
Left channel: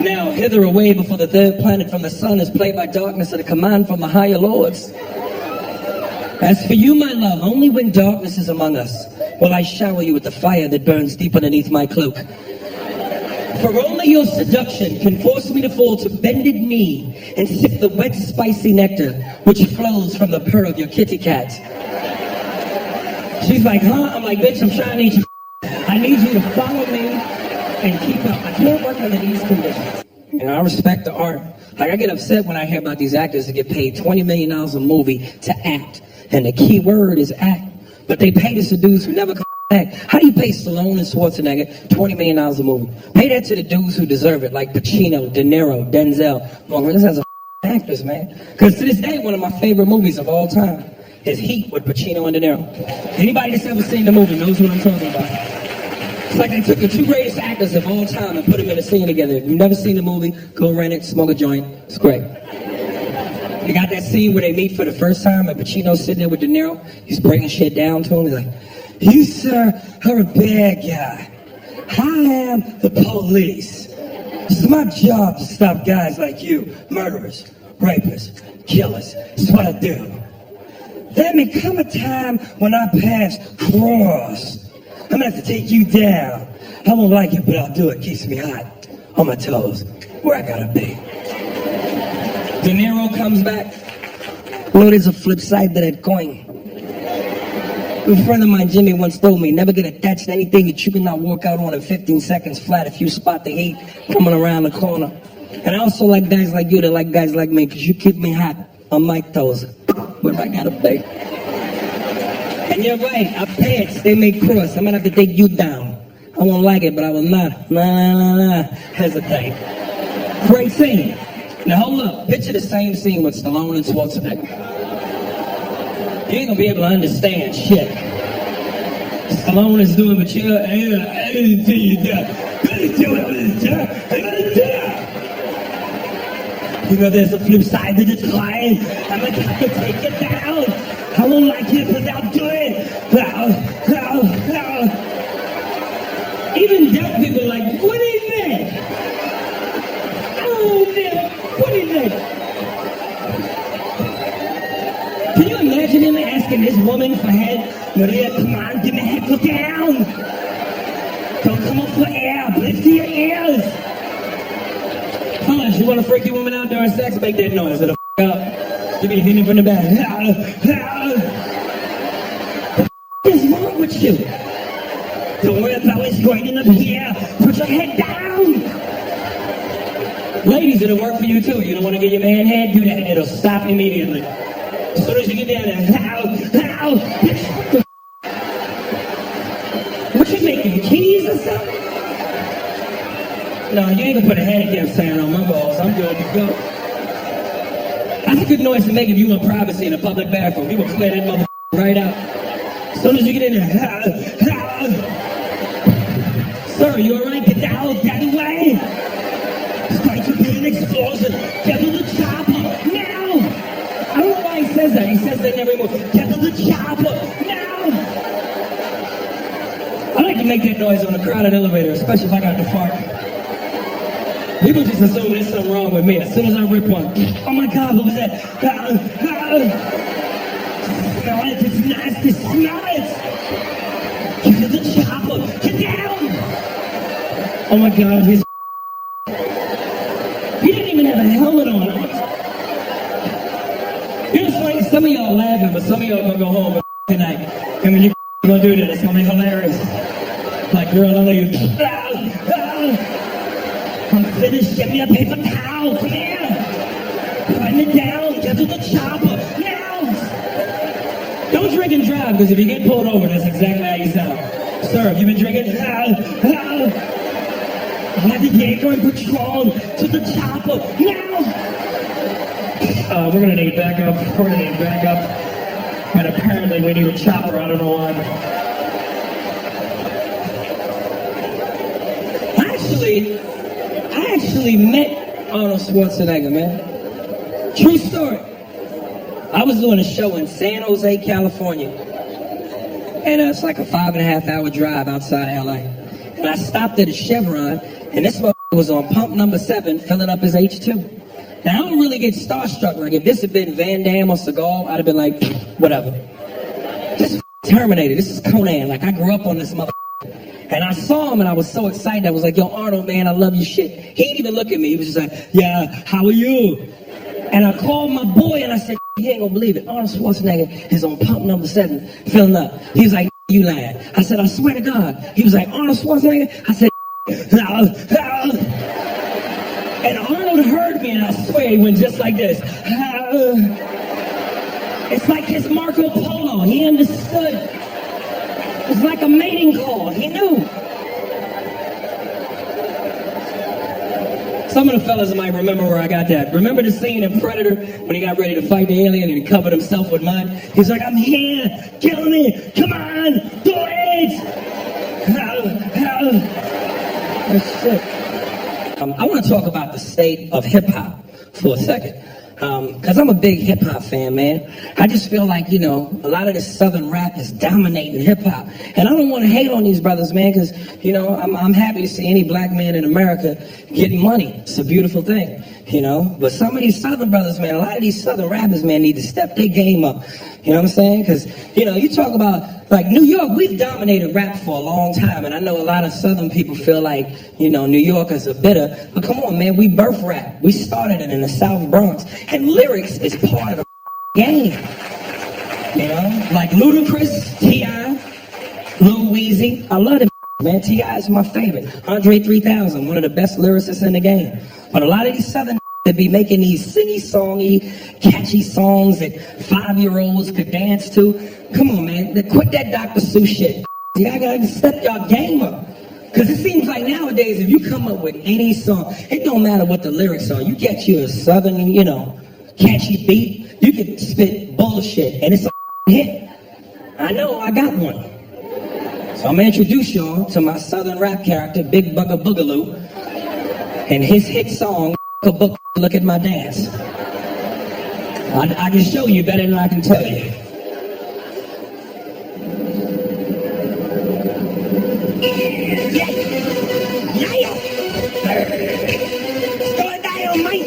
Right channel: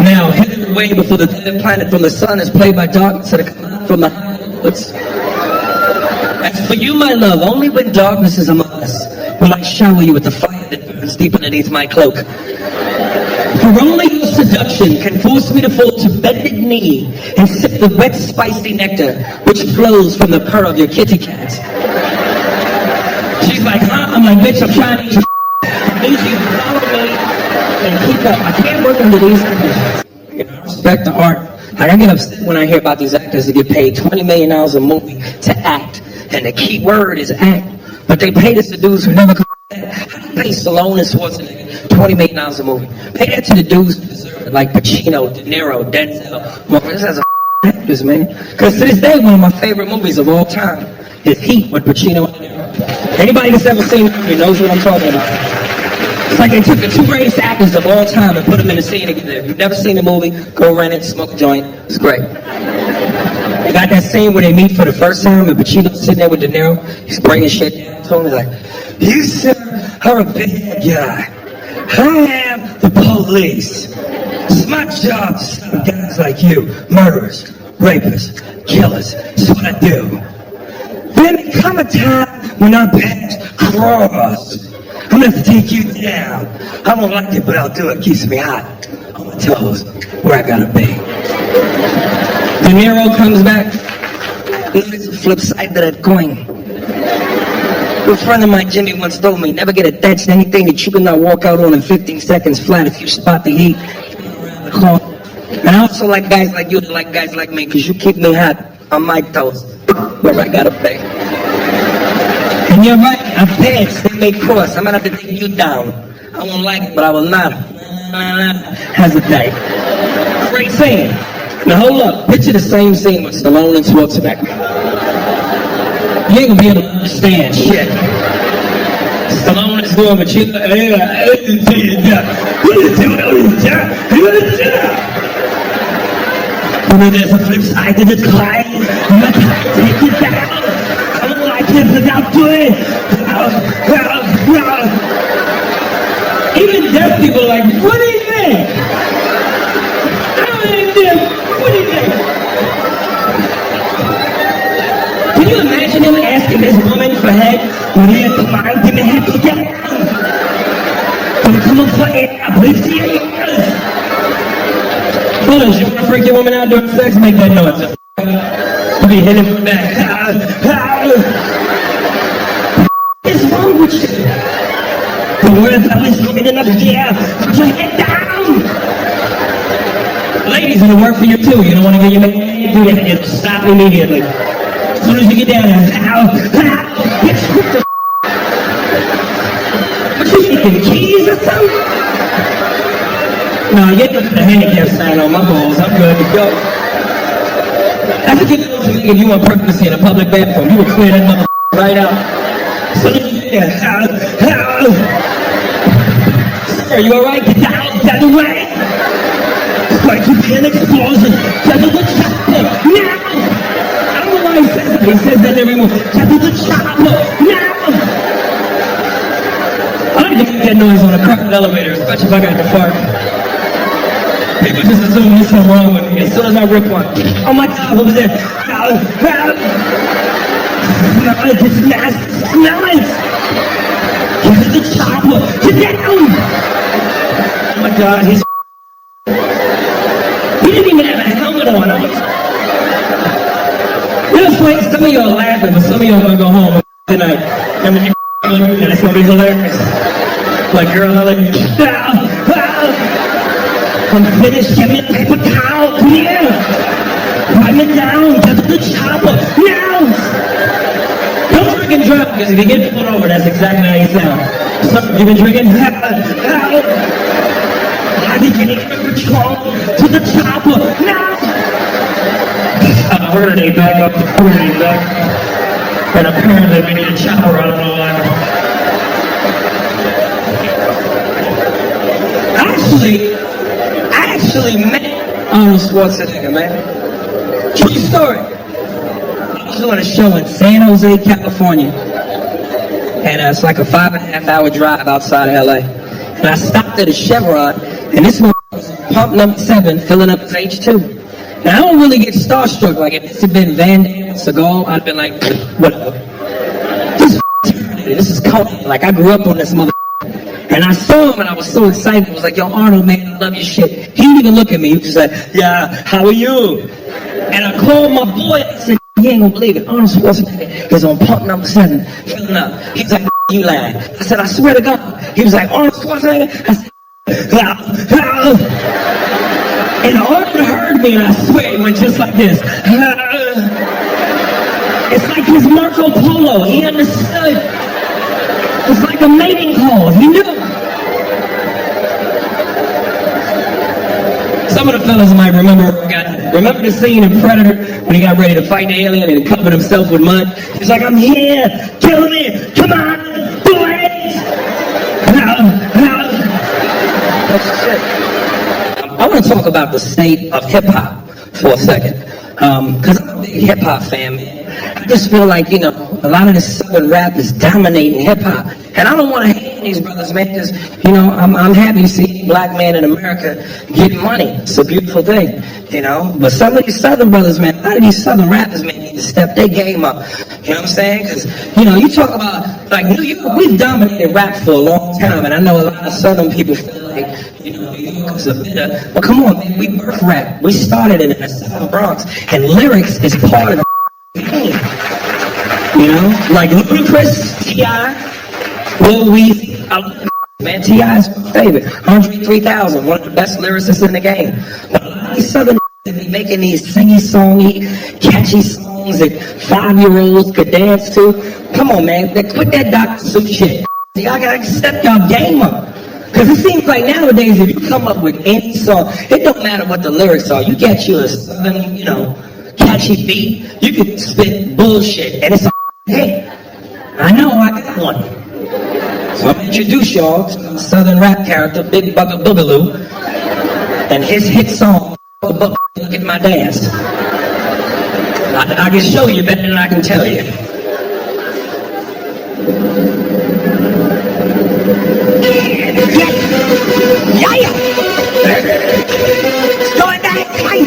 Now, hither away before the third planet from the sun is played by darkness at a command from the higher lords. As for you, my love, only when darkness is among us will I shower you with the fire that burns deep underneath my cloak. For only your seduction can force me to fall to bended knee and sip the wet, spicy nectar which flows from the purr of your kitty cat. She's like, huh? I'm like, bitch, I'm trying to eat your I need you to follow me and keep up. I can't work under these conditions. You know, I respect the art. Like, I get upset when I hear about these actors that get paid $20 million a movie to act. And the key word is act. But they pay this to dudes who never come back. How do you pay Stallone and Schwarzenegger $20 million a movie? Pay that to the dudes who deserve it, like Pacino, De Niro, Denzel. Well, this has a actors, man. Because to this day, one of my favorite movies of all time is Heat with Pacino and De Niro. Anybody that's ever seen the movie knows what I'm talking about. It's like they took the two greatest actors of all time and put them in a scene together. If you've never seen the movie, go rent it, smoke a joint. It's great. They got that scene where they meet for the first time and Pacino's sitting there with De Niro. He's bringing shit down to him. He's like, you, sir, are a bad guy. I am the police. It's my job to stop guys like you, murderers, rapists, killers. It's what I do. Then there come a time when our paths cross. I'm gonna have to take you down. I won't like it, but I'll do it. Keeps me hot on my toes, where I gotta be. De Niro comes back. You know, there's a flip side to that coin. A friend of mine, Jimmy, once told me, never get attached to anything that you cannot walk out on in 15 seconds flat if you spot the heat coming around the corner. And I also like guys like you that like guys like me, because you keep me hot on my toes, where I gotta be. And you're right, our pants, they may cross. I'm gonna have to take you down. I won't like it, but I will not hesitate. Great scene. Now hold up, picture the same scene with Stallone and Schwarzenegger. You ain't gonna be able to understand shit. Stallone is doing what you know, there's a flip side to this climb. I'm not trying to take it down. I don't like it without doing it. Even deaf people are like, what do you think? I don't even deaf. What do you think? Can you imagine him asking this woman for head? Well, yeah, come on, give me head, go down. Come on for air, lift your ears. Bullets, you want to freak your woman out during sex? Make that noise. You'll be hitting from the back. What is wrong with you? The word belly is going up here. Put your head down. Ladies, it'll work for you too. You don't want to get your man head? Do that. It'll stop immediately. As soon as you get down there. Bitch, what the what you making, keys or something? No, you ain't gonna put a handicap sign on my balls. I'm good to go. That's a good noise to make if you want privacy in a public bathroom. You will clear that motherfucker right out. As soon as you get in there, sir, you alright? Get down, get away. It's going to be an explosion. Get to the chopper, now. I don't know why he says that. He says that in every movie. Get to the chopper, now. I like to make that noise on a crowded elevator, especially if I got to fart. People just assume there's something wrong with me as soon as I rip one. Oh my God, what was that? Smell it, it's nasty, smell it! Give it the chopper, get down! Oh my God, he's he didn't even have a helmet on. It's like some of y'all are laughing, but some of y'all are gonna go home tonight. And when you go do that, it's gonna be hilarious. Like, girl, I like you. I'm finished, give me a paper towel, come here! Write it down, get to the chopper, now! Don't drink and drive, because if you get pulled over, that's exactly how you sound. Sir, you've been drinking? How did you get Patron to the chopper, now! We're gonna need backup, and apparently we need a chopper, I don't know why. I actually met Arnold Schwarzenegger, man. True story. I was doing a show in San Jose, California. And it's like a 5.5 hour drive outside of LA. And I stopped at a Chevron, and this one was on pump number 7, filling up his H2. Now, I don't really get starstruck. Like, if this had been Van Damme or Seagal, I'd have been like, whatever. This is Terminator. This is Conan. Like, I grew up on this mother. And I saw him and I was so excited. I was like, yo, Arnold, man, I love your shit. He didn't even look at me. He was just like, yeah, how are you? And I called my boy and I said, you ain't gonna believe it. Arnold Schwarzenegger is on pump number 7, filling up. He was like, you lying. I said, I swear to God. He was like, Arnold Schwarzenegger? I said, how? And Arnold heard me and I swear he went just like this. It's like his Marco Polo. He understood. It's like a mating call. He knew. Some of the fellas might remember where I got that. Remember the scene in Predator when he got ready to fight the alien and he covered himself with mud? He was like, I'm here. Kill me. Come on. Do it. That's shit. I want to talk about the state of hip-hop for a second. Because I'm a big hip-hop fan, man. I just feel like, you know, a lot of this southern rap is dominating hip-hop. And I don't want to hate on these brothers, man, because, you know, I'm happy to see any black man in America getting money. It's a beautiful thing, you know. But some of these southern brothers, man, a lot of these southern rappers, man, need to step their game up. You know what I'm saying? Because, you know, you talk about, like, New York, we've dominated rap for a long time. And I know a lot of southern people feel like, you know, New Yorkers are bitter. But come on, man, we birthed rap. We started it in the South Bronx. And lyrics is part of the game. You know? Like Ludacris, T.I., Lil Weezy. I love them, man. T.I. is my favorite. Andre 3000, one of the best lyricists in the game. But a lot of these southern, they to be making these singy-songy, catchy songs that 5-year-olds could dance to. Come on, man, quit that Dr. Seuss shit. Y'all gotta step y'all game up. Because it seems like nowadays, if you come up with any song, it don't matter what the lyrics are. You get you a southern, catchy beat, you can spit bullshit, and it's a hit. I know, I got one. So I'm gonna introduce y'all to my southern rap character, Big Bucket Boogaloo, and his hit song, Look at My Dance. I can show you better than I can tell you. Yeah. Story back, man.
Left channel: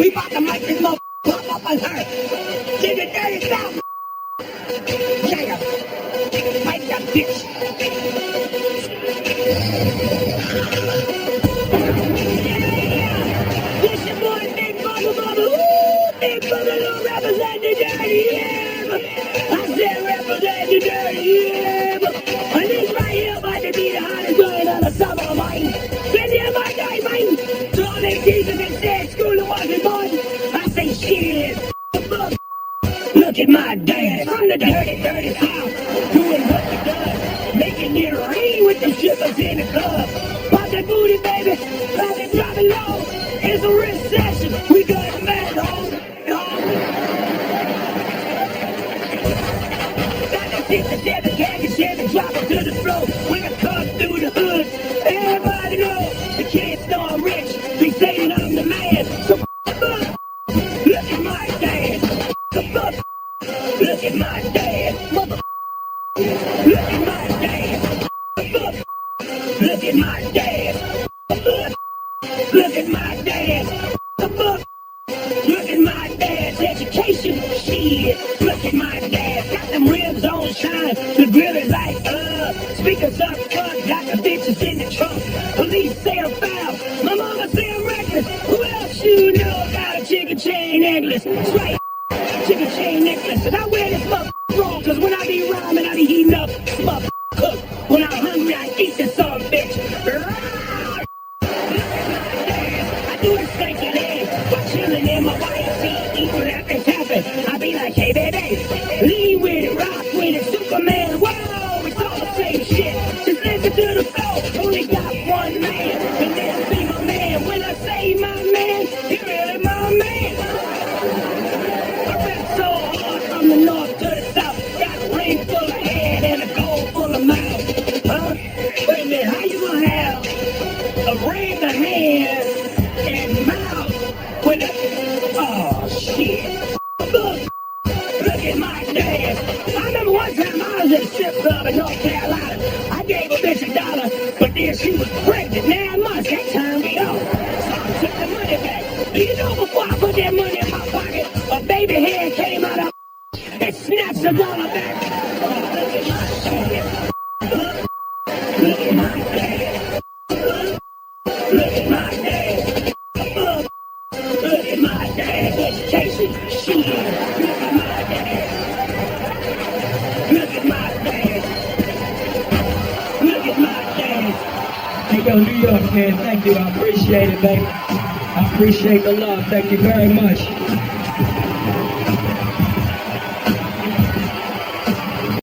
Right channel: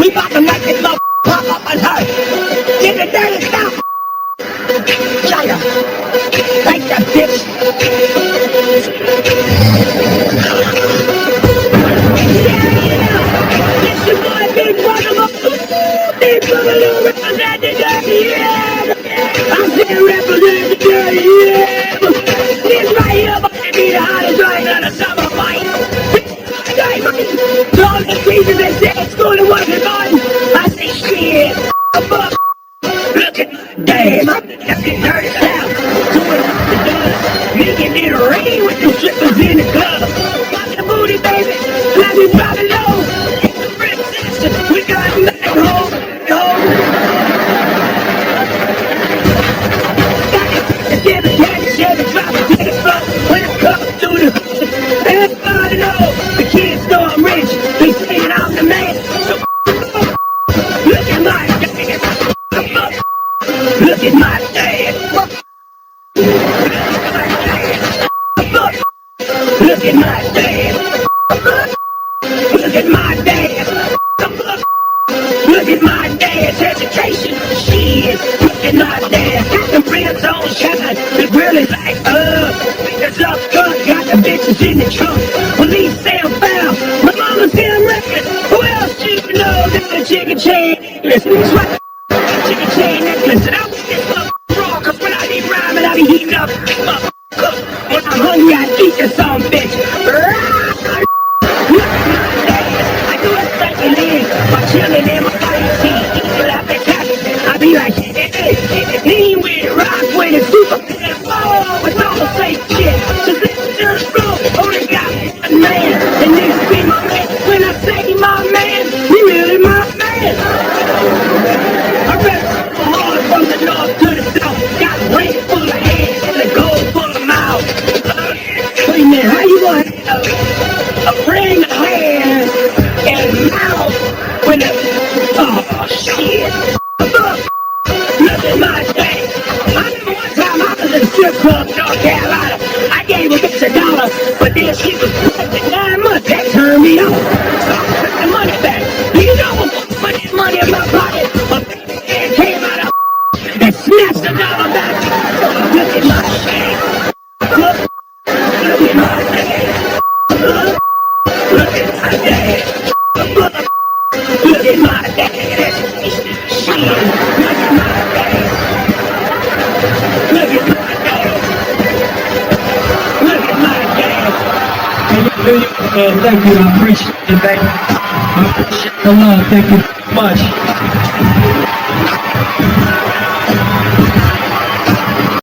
We about to make this little pop up on her. Get the dirty stuff. Yeah. Thank that bitch. Yeah. This your boy, Big Boogaloo. Big Boogaloo represent the dirty, yeah. I said represent the dirty, yeah. And this right here about to be the hottest joint of the summer, man. To all these teachers that said school and wasn't fun, I say shit, fuck. Look at my dad, from the dirty south, doing what the does, making it rain with the strippers in the club. Pop your booty, baby, clap it, drop it low. It's a recession, we got medic home. Got to take the Chevy, drop it to the floor. When I come through the hood, everybody knows. The kids know I'm rich, they saying I'm the man. So look at my dad. Look at my dad. Look at my dad. Look at my dad. Look at my dad. Look at my dad's education. Shit. Look at my dad. Got them rims on shine. The grill is like speakers up front. Got the bitches in the trunk. Police say I'm foul. My mama say I'm reckless. Who else you know got a chicken chain necklace? That's right. Chicken chain necklace. And I wear this raw, cause when I be rhyming, I be heating up. When I'm hungry, I eat this some bitch. Look at my dad. I do a spanking in while chilling in my white tee, eating after tapping. I be like, hey baby, lean with it, rock with it, Superman. Whoa, it's all the same shit. Just listen to the flow. Only got one man, and this be my man. When I say my man, he really my man. I rap so hard from the north to the south. Got rain full of hands and the gold full of mouth. Wait a minute, how you gonna have a ring of hands and mouth when it... Oh, shit. Look at my dad. I remember one time I was in a strip club in North Carolina. I gave a bitch $1, but then she was pregnant 9 months. That turned me on. So I took the money back. Do you know before I put that money in my pocket, a baby hand came out of and snatched $1 back. Look at my dad. Look at my dad. Look at my dad. Look at my dad. Education. Shit. Look at my dad. Look at my dad. Look at my dad. Hey, yo, New York, man, thank you. I appreciate it, baby. I appreciate the love. Thank you very much.